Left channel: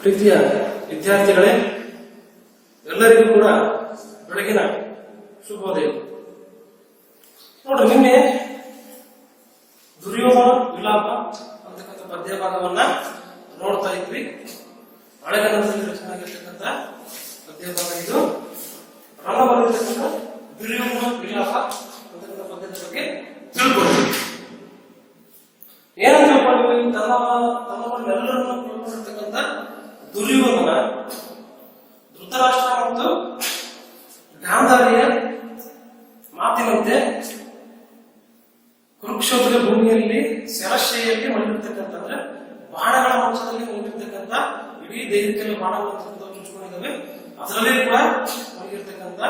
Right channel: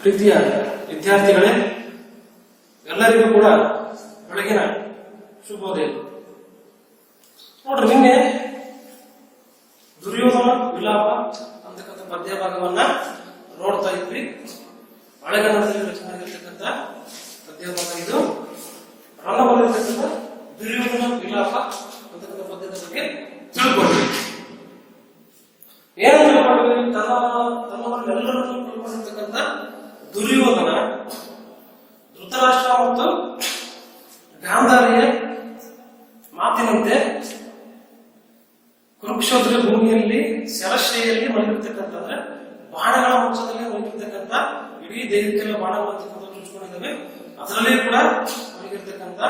ಪ್ರೀತಿಯ ವಿದ್ಯಾರ್ಥಿಗಳೇ, ಎಲ್ಲರಿಗೂ ಕೂಡ ಬೆಳಗಿನ ಶುಭೋದಯ. ನೋಡ್ರಿ, ನಿನ್ನೆ ದುರ್ಯೋಧನ ವಿಲಾಪ ಅಂತಕ್ಕಂಥ ಪದ್ಯ ಭಾಗವನ್ನ ನೋಡ್ತಾ ಇದ್ವಿ. ಹಳೆಗನ್ನಡದಲ್ಲಿ ರಚನೆ ಆಗಿರ್ತಕ್ಕಂಥ ಪದ್ಯ ಭಾಗ ಇದು. ರಣಬಲಿರ್ತಕ್ಕಂಥ ದುರ್ಯೋಧನ ವಿಲಾಪ ಅಂತಕ್ಕಂಥ ಪದ್ಯದ ಬಗ್ಗೆ ತಿಳ್ಕೊಂಡ್ವಿ. ಏನಂತ ತಿಳ್ಕೊಂಡ್ವಿ? ತಮ್ಮವನ್ನೆಲ್ಲರನ್ನು ತಿಳ್ಕೊಂಡಿರ್ತಕ್ಕಂಥ ದುರ್ಯೋಧನ ಧೃತರಾಷ್ಟ್ರ ಮತ್ತು ಗಾಂಧಾರಿಯ ಮಾತಿನಂತೆ ಕುರುಕ್ಷೇತ್ರ ಭೂಮಿಯಲ್ಲಿ ಶರಶೈಯಲ್ಲಿ ಮಲಗಿರ್ತಕ್ಕಂಥ, ಅಂದ್ರೆ ಬಾಣಗಳ ಮಂಚದಲ್ಲಿ ಮಲಗಿರ್ತಕ್ಕಂಥ, ಇಡೀ ದೇಹಕ್ಕೆಲ್ಲ ಬಾಣಗಳು ಚುಚ್ಕೊಂಡಿದ್ದಾವೆ, ಅದರಲ್ಲಿ ಕೂಡ ಮಲಗಿರ್ತಕ್ಕಂಥ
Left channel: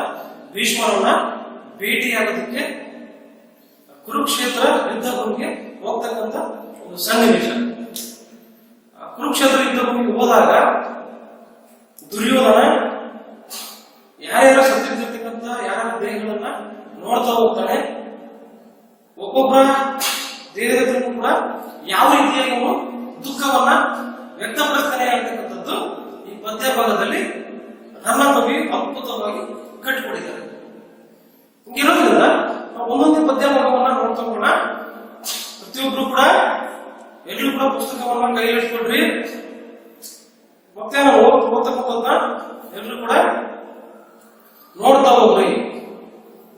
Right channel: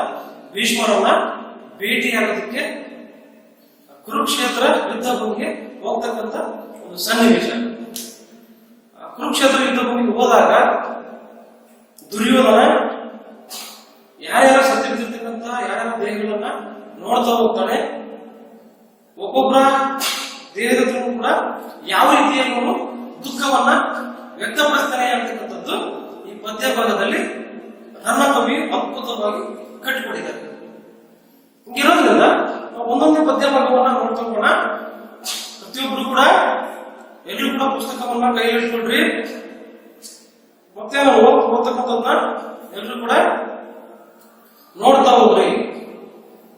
ಭೀಷ್ಮರನ್ನ ಭೇಟಿಯಾಗೋದಕ್ಕೆ ಕುರುಕ್ಷೇತ್ರ ಯುದ್ಧ ಭೂಮಿಗೆ ಹೋಗ್ತಕ್ಕಂಥ ಒಂದು ಸನ್ನಿವೇಶ. ಕುರುಕ್ಷೇತ್ರ ಯುದ್ಧ ಭೂಮಿಗೆ ಹೋದಾಗ ದುರ್ಯೋಧನ ಯಾರ್ಯಾರ ಸತ್ತಿರ್ತಕ್ಕಂಥ ಯಾರ್ಯಾರ ದೇಹಗಳನ್ನ ನೋಡ್ತಾ ಹೋಗ್ತಾನೆ. ಒಬ್ಬೊಬ್ಬರ ದೇಹದ ಕೂಡ ಯಾವ ರೀತಿಯಾಗಿ ಅವನು ದುಃಖವನ್ನ ವ್ಯಕ್ತಪಡಿಸ್ತಾನೆ ಅಂತಕ್ಕಂಥದ್ದು ಈ ಪದ್ಯ ಭಾಗದಲ್ಲಿ ನನ್ನ ಕವಿ ಅದ್ಭುತವಾಗಿ ಕಟ್ಟಿಕೊಟ್ಟಿದ್ದಾರೆ. ಹಿಂಗಿರೋದ್ರಿಂದ ಒಂದೊಂದೇ ಪದ್ಯ ಭಾಗವನ್ನ ನೋಡ್ತಾ ಹೋಗೋಣ. ಪ್ರತಿಯೊಬ್ರು ಕೂಡ ಎಲ್ಲರೂ ಕೂಡ ಪುಸ್ತಕವನ್ನ ಕೈಲಿಟ್ಕೊಳ್ರಿ. ಮತ್ತೆ ನಾವು ಓದ್ತಕ್ಕಂಥದ್ದನ್ನ ಎಲ್ಲರೂ ಕೂಡ ನೋಡ್ತಾ ಹೋಗ್ರಿ.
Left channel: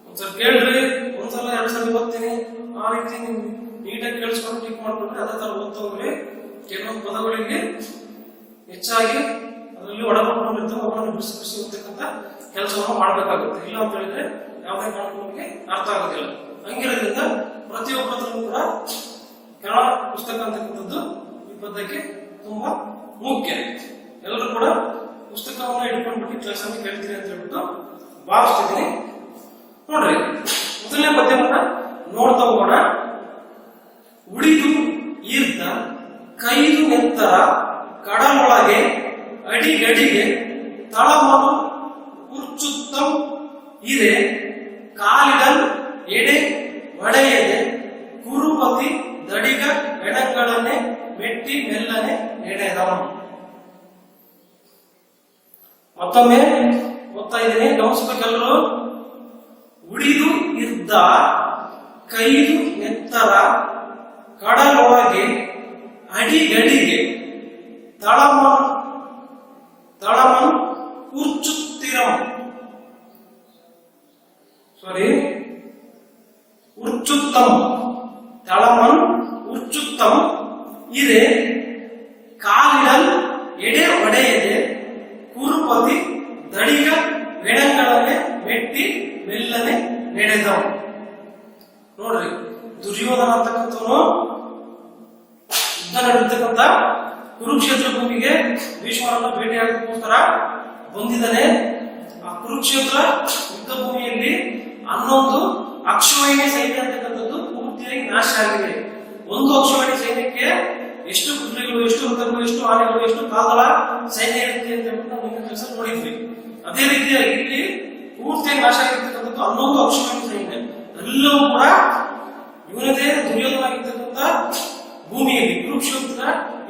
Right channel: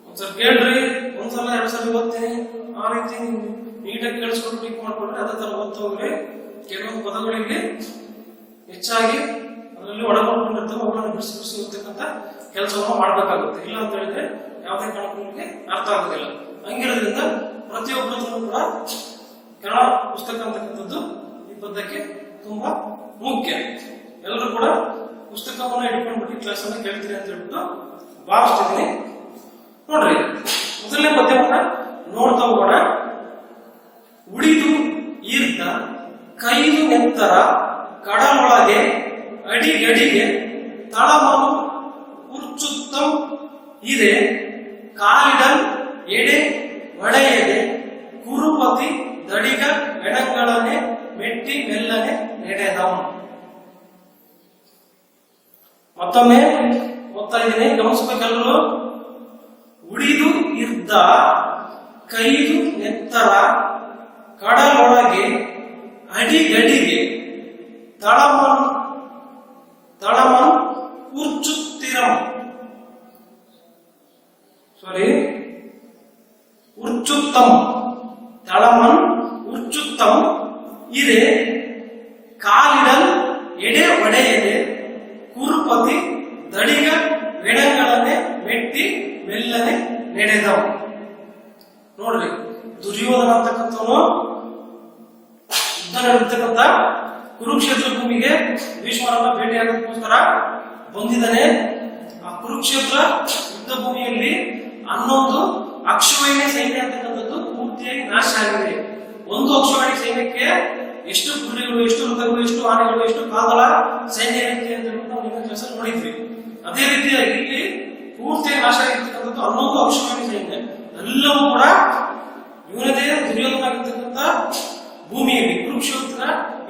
ಒಂದ್ಸಲ ಕೇಳ್ರಿ, ಒಂದ್ಸಲ ಎರಡ್ ಸಲ ಓದ್ತೀನಿ, ಆ ರೀತಿ ನೀಟಾಗಿ ಕೇಳಿಸ್ಕೊಂಡು ಟಿಕ್ ಮಾಡ್ಕೊಂಡ್ರೆ ಅದೇ ತರ ಓದ್ತಾ ಹೋಗ್ರಿ. ಕೆಲವೊಂದು ಪದಗಳಿಗೆ ಹೆಚ್ಚಾಗಿ ಅದರಲ್ಲಿ ಒಳಗೊಂಡಿರ್ತವೆ, ಅವುಗಳನ್ನು ಬಿಡಿಸಿ ಬಿಡಿಸಿ ಓದ್ತಕ್ಕಂಥ ಕೆಲಸವನ್ನು ಮಾಡ್ಬೇಕಾಗುತ್ತೆ. ಇಲ್ಲ ಅಂತ ಹೇಳಿದ್ರೆ ಯಾವುದೇ ಕಾರಣಕ್ಕೂ ನಿಮಗೆ ಅರ್ಥ ಆಗೋದಿಲ್ಲ. ಹಂಗಿರೋದ್ರಿಂದ ಪ್ರತಿಯೊಬ್ಬರಲ್ಲೂ ಕೂಡ ಕನ್ನಡ ಪುಸ್ತಕ ಅಂತಕ್ಕಂಥದ್ದು ಈ ಪದ್ಯಕ್ಕೆ ತುಂಬಾ ಮುಖ್ಯ. ಎಲ್ಲರೂ ಕೂಡ ಪುಸ್ತಕವನ್ನ ಇಟ್ಕೊಂಡ್ಬಿಟ್ಟು ಕ್ಲಾಸ್ ಅನ್ನು ಕೇಳ್ತೀರಿ ಅಂತ ಹೇಳ್ಬಿಟ್ಟು ಭಾವಿಸ್ತಿದ್ದೀನಿ. ನೋಡ್ರಿ, ಮೊದಲನೇ ಪದ್ಯವನ್ನ ನೋಡ್ತಾ ಹೋಗೋಣ. ಉಳಿದು ಈರ್ದ ಕೈದು ನೆತ್ತರ ಕಡಲೊಳಗೆ ಅಡಿಗಡಿಗೆ ತಳಮನು ಉರ್ಚುತ್ತಂ ಇದೆ ಕಾಲಿಡಲ್ ಎಡೆ ಒಡೆಯದೆ ಕುರುಪತಿ ದಡಿಗ ಎಡಗಳನ್ನೇ ಮೆಟ್ಟಿ ಮೆಲ್ಲನೆ ನಡೆದವ. ಮತ್ತೊಮ್ಮೆ ಓದ್ತಾ ಇದ್ದೀನಿ, ಗಮನಿಸಬೇಕೆಲ್ಲರೂ. ಉಳಿದು ಇದ್ದ ಕೈದು ನೆತ್ತರ ಕಡಲೊಳಗೆ ಅಡಿಗಡಿಗೆ ತಳಮನ್ ಉರ್ಚುತ್ತಿರಂ ಉರ್ಚುತ್ತಂ ತಳಮನ್ ಉರ್ಚುತ್ತಂ ಇದೆ ಕಾಲಿಡಲ್ ಎಡೆ ಒಡೆಯದೆ ಕುರುಪತಿ ದಡಿಗ ವೆಡಂಗಳನ್ನೇ ಮೆಟ್ಟಿ ಮೆಲ್ಲನೆ ನಡೆದವ. ನೋಡ್ರಿ, ದುರ್ಯೋಧನ ಅಂತಕ್ಕಂಥವನು ಯುದ್ಧ ನಡೆದಿರ್ತಕ್ಕಂಥ ಕುರುಕ್ಷೇತ್ರ ಭೂಮಿಗೆ ಭೀಷ್ಮರನ್ನ ಭೇಟಿಯಾಗೋದಕ್ಕೋಸ್ಕರ ಬಂದಿದ್ದಾನೆ. ಆ ಕುರುಕ್ಷೇತ್ರ ಯುದ್ಧ ಭೂಮಿಯಲ್ಲಿ 11 ಅಕ್ಷೋಹಿಣಿ ಸೈನ್ಯ ಅಂತಕ್ಕಂಥದ್ದು ಪೂರ್ತಿಯಾಗಿ ನಾಶ ಆಗಿದೆ. ಒಂದು ಅಕ್ಷೋಹಿಣಿ ಸೈನ್ಯಕ್ಕೆ ಎಷ್ಟು ಕುದುರೆಗಳು, ಎಷ್ಟು ರಥಗಳು, ಎಷ್ಟು ಆನೆಗಳು, ಎಷ್ಟು ಕಾಲ್ದಳ ಸೈನ್ಯ ಇರುತ್ತೆ ಅಂತ ಹೇಳ್ಬಿಟ್ಟು ನಾವು ನಿಮ್ಮ ಕೆಲಸ ನೋಡಿದ್ವಿ. ಅದೇ ರೀತಿಯಾಗಿ ಇಲ್ಲಿ ಪೂರ್ತಿಯಾಗಿ ನಾಶ ಆಗಿರ್ತಕ್ಕಂಥದ್ದು 11 ಅಕ್ಷೋಹಿಣಿ ಸೈನ್ಯ. ಎಲ್ಲವೂ ಕೂಡ ಇವನದೇ ದುರ್ಯೋಧನ ಆಗಿರ್ತಕ್ಕಂಥ ಭೂಮಿಯಲ್ಲಿ, ಕುರುಕ್ಷೇತ್ರ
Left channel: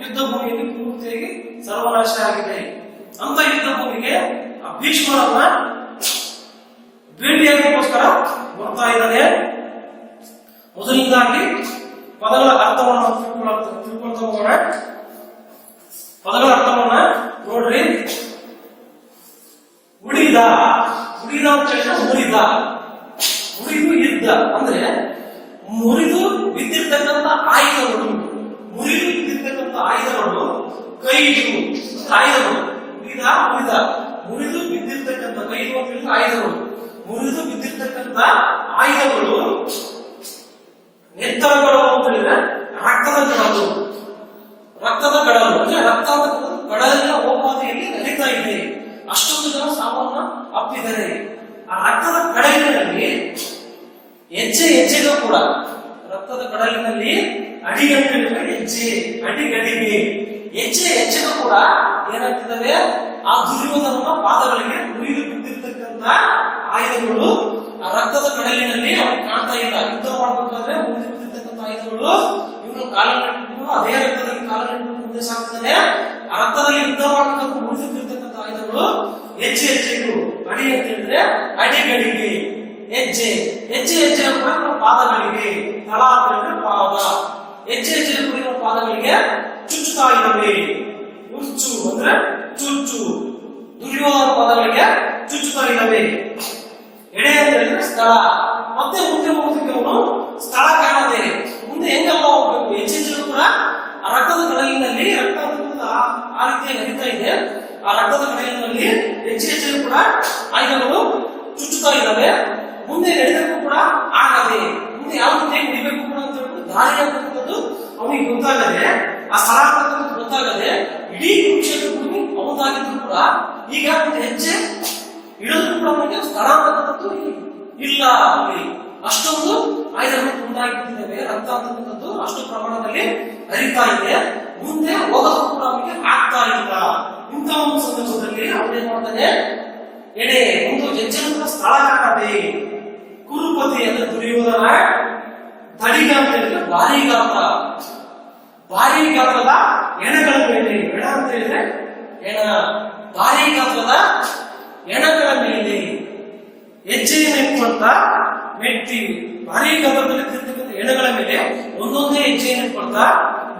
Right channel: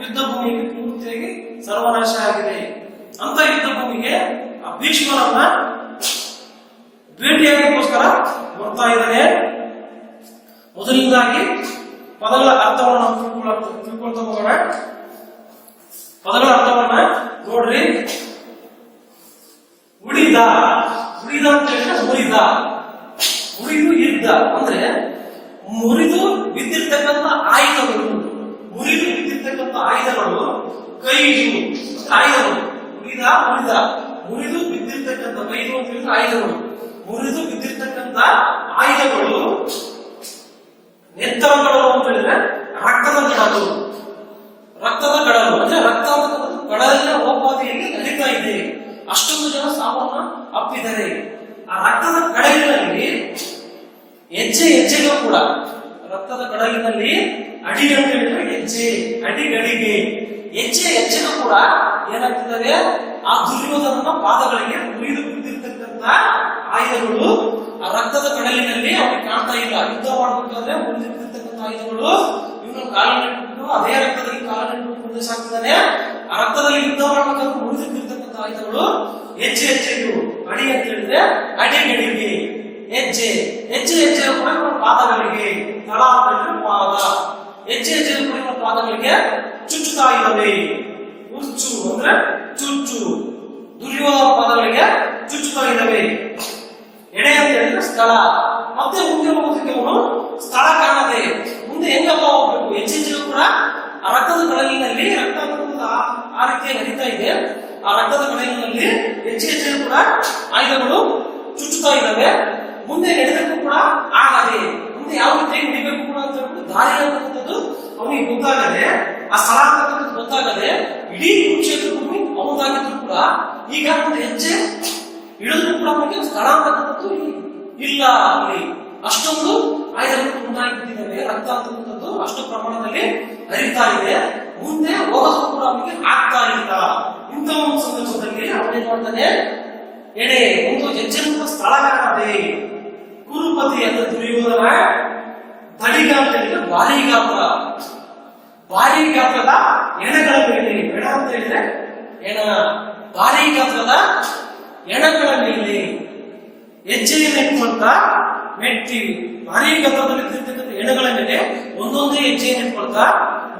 ಯುದ್ಧ ಭೂಮಿಯಲ್ಲಿ ಪೂರ್ತಿಯಾಗಿ ಸರ್ವನಾಶ ಆಗಿದೆ. ಅಂತ ಯುದ್ಧ ಭೂಮಿಗೆ ಆ ಭೀಷ್ಮರನ್ನ ಭೇಟಿಯಾಗೋದಕ್ಕೋಸ್ಕರ ಬರ್ತಾ ಇದ್ದಾನೆ. ಮೊದಲನೇದಾಗಿ ಪದಗಳ ಅರ್ಥವನ್ನು ತಿಳ್ಕೊಳ್ತಾ ಹೋಗೋಣ. ಪದಗಳ ಅರ್ಥವನ್ನ ನೋಡ್ರಿ. ಉಳಿದ ಅಂತ ಹೇಳಿದ್ರೆ ಮುರಿದು ಇದ್ದ ಅಂದ್ರೆ ಮುರಿದು ಬಿದ್ದಿರ್ತಕ್ಕಂಥ ಆಯುಧಗಳು, ಕೈದು ಆಯುಧಗಳು. ಮುರಿದು ಬಿದ್ದಿರ್ತಕ್ಕಂಥ ಕೈದು ಅಂತ ಹೇಳಿದ್ರೆ ಆಯುಧಗಳು. ಮುರಿದು ಬಿದ್ದಿರ್ತಕ್ಕಂಥ ಆಯುಧಗಳು. ನೆತ್ತರಗಳು ಅಂತ ಹೇಳಿದ್ರೆ ರಕ್ತದ ಕಡಲು ಅಂದ್ರೆ ರಕ್ತದ ಕಡಲಿನ ಓಪಾದಿಯಲ್ಲಿ ನಡೀತಾ ಇದೆ. ಅಷ್ಟೊಂದು ಜನ ಸಾವನ್ನ ಅಪ್ಪಿದ್ದಾರೆ. ಆ ರಕ್ತದ ಕಡಲಿನಲ್ಲಿ ಹೆಜ್ಜೆಗೂ ಕೂಡ, ರಕ್ತದ ಕಡಲಿನಲ್ಲಿ ಅಡಿಗಂಟೆ ಹೆಜ್ಜೆ, ಅಡಿಗಡಿಗೆ ಹೆಜ್ಜೆಗೂ ಕೂಡ ಏನಾಗ್ತಿದ್ದಾರೆ, ಆ ದುರ್ಯೋಧನನ ಪಾದಗಳಿಗೆ ಮುರಿದು ಬಿದ್ದಿರ್ತಕ್ಕಂಥ ಆಯುಧಗಳು ಆ ರಕ್ತದ ಕಡಲಿನಲ್ಲಿ ಅವ್ರಿಗೆ ಕಾಣ್ತಾ ಇಲ್ಲ. ಯುದ್ಧ ಮಾಡಬೇಕಾದ್ರೆ ಮುರಿದು ಬಿದ್ದಿರ್ತಕ್ಕಂಥ ಆಯುಧಗಳು ಇವನು ಕಾಲನ್ನಿಟ್ಟು ಅದೇ ರಕ್ತದಲ್ಲಿ ಕಾಲನ್ನಿಟ್ಟು ಮುಂದೆ ಸಾಕ್ತಾನೆ. ಆ ರಕ್ತದಲ್ಲಿ ಯುದ್ಧ ಮಾಡಬೇಕಂತ ಮುರಿದಿರ್ತಕ್ಕಂಥ ಆಯುಧಗಳು ಹೆಜ್ಜೆ ಹೆಜ್ಜೆಗಳು. ಅಡಿ ಅಂತ ಹೇಳಿದ್ರೆ ಅಡಿಗಡಿಗೆ ಹೆಜ್ಜೆ, ಹೆಜ್ಜೆ ಹೆಜ್ಜೆ ಕೂಡ ಇವರ ಪಾದಗಳಿಗೆ, ತಳ ಅಂತ ಹೇಳಿದ್ರೆ ಪಾದ, ಹೆಜ್ಜೆ ಹೆಜ್ಜೆ ಕೂಡ ಇವರ ಪಾದಗಳಿಗೆ ಚುಚ್ಚುತ್ತಾ ಇದ್ದಾವೆ. ಉಚ್ಚು ಅಂದ್ರೆ ಚುಚ್ಚು, ದುರ್ಯೋಧನ ಪಾದಗಳಿಗೆ ಚುಚ್ಚುತ್ತಾ ಇದ್ದಾವೆ. ಎಡೆ ಅಂತ ಹೇಳಿದ್ರೆ ಸ್ಥಳ. ಮತ್ತೆ ಮುಂದೆ ಹೋಗೋದಕ್ಕೆ ಅವನು ಸ್ಥಳ ಕಾಣದೆ ಮುಂದೆ ಹೆಂಗಪ್ಪ ಹೋಗ್ಬೇಕು, ಹೆಜ್ಜೆ ಕೂಡ ಆ ರಕ್ತದ ಕಡಲಿನಲ್ಲಿ ರಕ್ತ ಆ ರೀತಿಯಾಗಿ ನಡೀತಾ ಇದೆ. ಆ ರಕ್ತದ ಕಡಲಿನಲ್ಲಿ ಹೆಜ್ಜೆ ಹೆಜ್ಜೆ ಕೂಡ ಆಯುಧಗಳು ಚುಚ್ಚುತ್ತಾ ಇದ್ದಾವೆ. ಮುಂದೆ ನಡೆದಕ್ಕೂ ಕೂಡ ಆಗದೆ, ಮುಂದೆ ಯಾವ ರೀತಿಯಾಗಿ ನಡಿಬೇಕು ಕೂಡ ಅಂತ ಹೇಳ್ಬಿಟ್ಟು ದಾರಿ ಅಂತಕ್ಕಂಥದ್ದು ಅವನಿಗೆ ಗೊತ್ತಾಗದೆ, ಆ ಸ್ಥಳ ಅಂತಕ್ಕಂಥದ್ದು ಗೊತ್ತಾಗದೆ ಇಡೀ ಕುರುಕ್ಷೇತ್ರ ಭೂಮಿ ಅವನಾಗಿದ್ರು ಕೂಡ ಈಗ ಒಂದು ಹೆಜ್ಜೆ ಇಳಿದ್ರು ಕೂಡ ಅವನಿಗೆ ಸ್ಥಳ ಅಂತಕ್ಕಂಥದ್ದು ಇಲ್ಲ. ಅಲ್ಲಿ ಅಷ್ಟೊಂದು ಆಯುಧಗಳು ತುಂಡಾಗಿ ಬಿದ್ದಿದ್ದಾವೆ, ರಕ್ತ ಅಂತಕ್ಕಂಥದ್ದು ಅಷ್ಟು ಪ್ರಮಾಣದಲ್ಲಿ ಹರಿತಾ ಇದೆ. ಮುಂದೆ ಹೋಗೋದಕ್ಕೂ ಕೂಡ ಅವನಿಗೆ ಆಗ್ತಾ ಇಲ್ಲ. ಇಂಥ ಒಂದು ಸಂದರ್ಭದಲ್ಲಿ ಅವನೇನ್ ಮಾಡ್ತಾನೆ, ಎಡೆ ಒಂದು ಹೆಜ್ಜೆ ಕೂಡ ಸ್ಥಳ ಕಾಣದೆ ಕುರುಪತಿ ಅಂತ ದುರ್ಯೋಧನ ತಡಿಗ ಅಂತ ಹೇಳಿದ್ರೆ ಭಾರಿ ಗಾತ್ರ, ಭಾರಿ ಗಾತ್ರದ ಎಣೆಗಳ ಮೇಲೆ, ಎಣ ಅಂತ ಹೇಳಿದ್ರೆ ಎಣ, ಭಾರಿ ಗಾತ್ರದ ಎಣಗಳ ಮೇಲೆ ಹೆಜ್ಜೆಯನ್ನು ಇಟ್ಕೊಳ್ತಾ ಮೆಟ್ಟಿ, ಭಾರಿ ಗಾತ್ರದಲ್ಲಿ ಇರ್ತಕ್ಕಂಥ ಎಣೆಗಳ ಮೇಲೆ ಒಂದೊಂದೇ ಹೆಜ್ಜೆಯನ್ನು ಇಟ್ಕೊಳ್ತಾ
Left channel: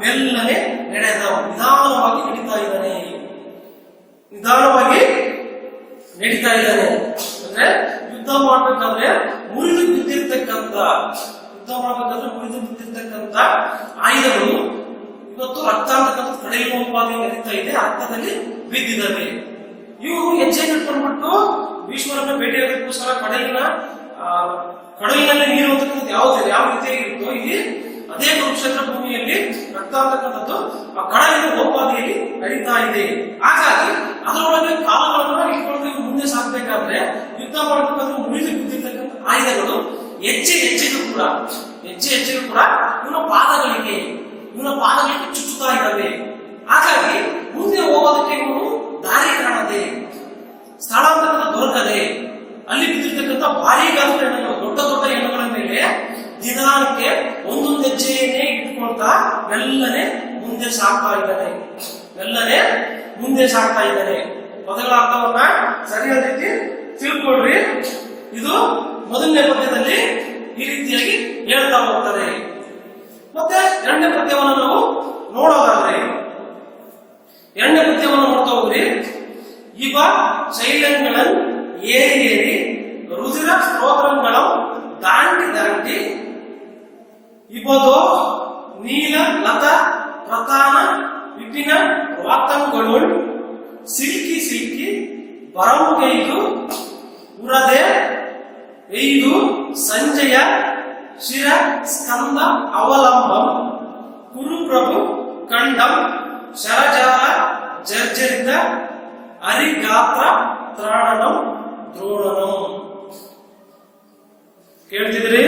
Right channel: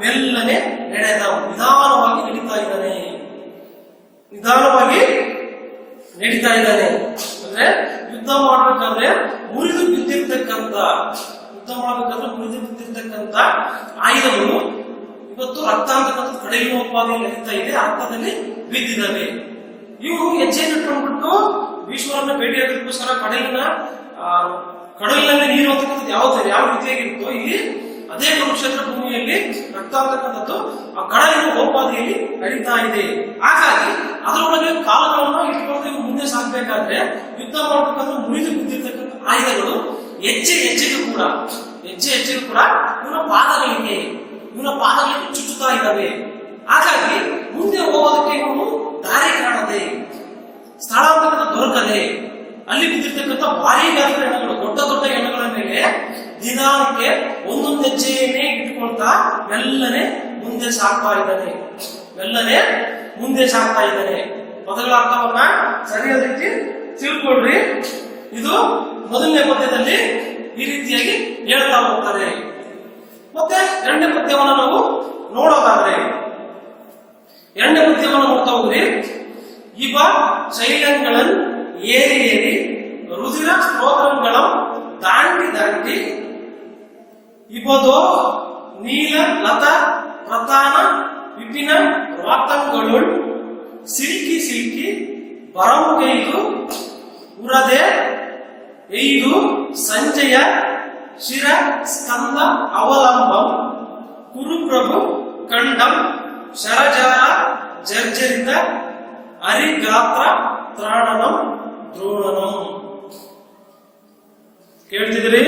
ಮೆಲ್ಲನೆ ನಡೆದ, ನಿಧಾನವಾಗಿ ನಡೀತಾ ಇದ್ದಾನೆ, ನಿಧಾನವಾಗಿ ನಡೀತಾ ಇದ್ದಾನೆ. ಅಂದ್ರೆ ಯುದ್ಧ ಮಾಡ್ಬೇಕಾದ್ರೆ ಮುರಿದು ಬಿದ್ದಿರ್ತಕ್ಕಂಥ, ಯುದ್ಧ ಮಾಡ್ಬೇಕಾದ್ರೆ ಮುರಿದು ಬಿದ್ದಿರ್ತಕ್ಕಂಥ ಆಯುಧಗಳು ಇವತ್ತು ರಕ್ತ ಅಂತಕ್ಕಂಥ ಕಡಲಿನ ಉತ್ಪಾದನೆ ನಡೀತಾ ಇದೆ, ರಕ್ತದಲ್ಲಿ ಬಿದ್ದಿದ್ದಾವೆ. ಇವರು ಹೆಜ್ಜೆ ಇಟ್ಕೊಂಡ್ಬಿಟ್ಟು ಭೀಷ್ಮರನ್ನ ಭೇಟಿಯಾಗೋದಕ್ಕೋಸ್ಕರ ಕಡಲಿನಲ್ಲಿ ನೀರು ಅಂತಕ್ಕಂಥದ್ದು ಯಾವ ರೀತಿಯಾಗಿರುತ್ತೋ ಇಲ್ಲಿ ಅದೇ ಕುರುಕ್ಷೇತ್ರ ಭೂಮಿಯಲ್ಲಿ ರಕ್ತ ಅಂತಕ್ಕಂಥದ್ದು ಆ ಕಡಲಿನ ಉತ್ಪಾದನೆಯಲ್ಲಿ ನಡೀತಾ ಇದೆ. ಹಾಗಾಗಿ ಅದರೊಳಗೆ ಕಾಲಗಳನ್ನ ಇಟ್ಕೊಂಡು ಮುಂದೆ ಸಾಗಬೇಕಾದ್ರೆ, ಯುದ್ಧ ಮಾಡಬೇಕಾದ್ರೆ ಮುರಿದು ಬಿದ್ದಿರ್ತಕ್ಕಂಥ ಆಯುಧಗಳು ಹೆಜ್ಜೆ ಹೆಜ್ಜೆಗೂ ಕೂಡ ಇವನ ಪಾದಗಳಿಗೆ ಚುಚ್ಚುತ್ತಾ ಇದ್ದಾವೆ. ಹಾಗಾಗಿ ಮುಂದೆ ಹೋಗೋದಕ್ಕೆ ಇವನು ದಾರಿ ಕಾಣದೆ, ಸ್ಥಳ ಅಂತಕ್ಕಂಥ ದೊರಕದೆ, ಅಲ್ಲಿ ಬಿದ್ದಿರ್ತಕ್ಕಂಥ ಭಾರಿ ಗಾತ್ರದ ಎಣ್ಣೆಗಳು, ದೊಡ್ಡ ದೊಡ್ಡ ಎಣ್ಣೆಗಳ ಮೇಲೆ ನಿಧಾನಕ್ಕೆ ಒಂದೊಂದು ಹೆಜ್ಜೆಯನ್ನೇ ಇಟ್ಕೊಳ್ತಾ ಮೆಲ್ಲನೆ ಮುಂದೆ ಸಾಗ್ತಾ ಇದ್ದಾನೆ. ಪದಗಳ ಅರ್ಥವನ್ನ ಸರಿಯಾದ ರೀತಿ ತಿಳ್ಕೊಳ್ರಿ. ಇದು ಮೊದಲನೇ ಪದ್ಯದಲ್ಲಿ ಈ ರೀತಿಯಾಗಿ ಹೇಳ್ತಾ ಹೋಗ್ತಾರೆ. ಮತ್ತೆ ಎರಡನೇ ಪದ್ಯವನ್ನು ನಾವು ನೋಡೋದಾದ್ರೆ, ಎರಡನೇ ಪದ್ಯವನ್ನು ನೋಡ್ತಾ ಹೋಗ್ರಿ. ಇವ ಶೈಲಂಗಳನ್ ಏರಿ ರುದಿರ ಸ್ತೋತ್ರಗಳಂ ದಾಂಡಿ ಇವದೋ ನೀಲ ಲತ ಪ್ರತಾನ ವಿಪಿನ ವಾತಂಗಳು ಸಿಲ್ಕಿ ಬರಂಗೈದು ಉರದೆ ಐದು ಸಂಜಯ ಶಿರ ಸ್ಕಂದ ಅವಲಂಬಂ ಕುರುಪ್ರಭು ಕಂಡಂ ಶರಜಾಲ ಜರ್ಜರಿತ ಹರಿಗಾತ್ರ ತ್ರಾಣನಂ ದ್ರೋಣನಂ. ಕೇಳ್ತಿದ್ರಿ?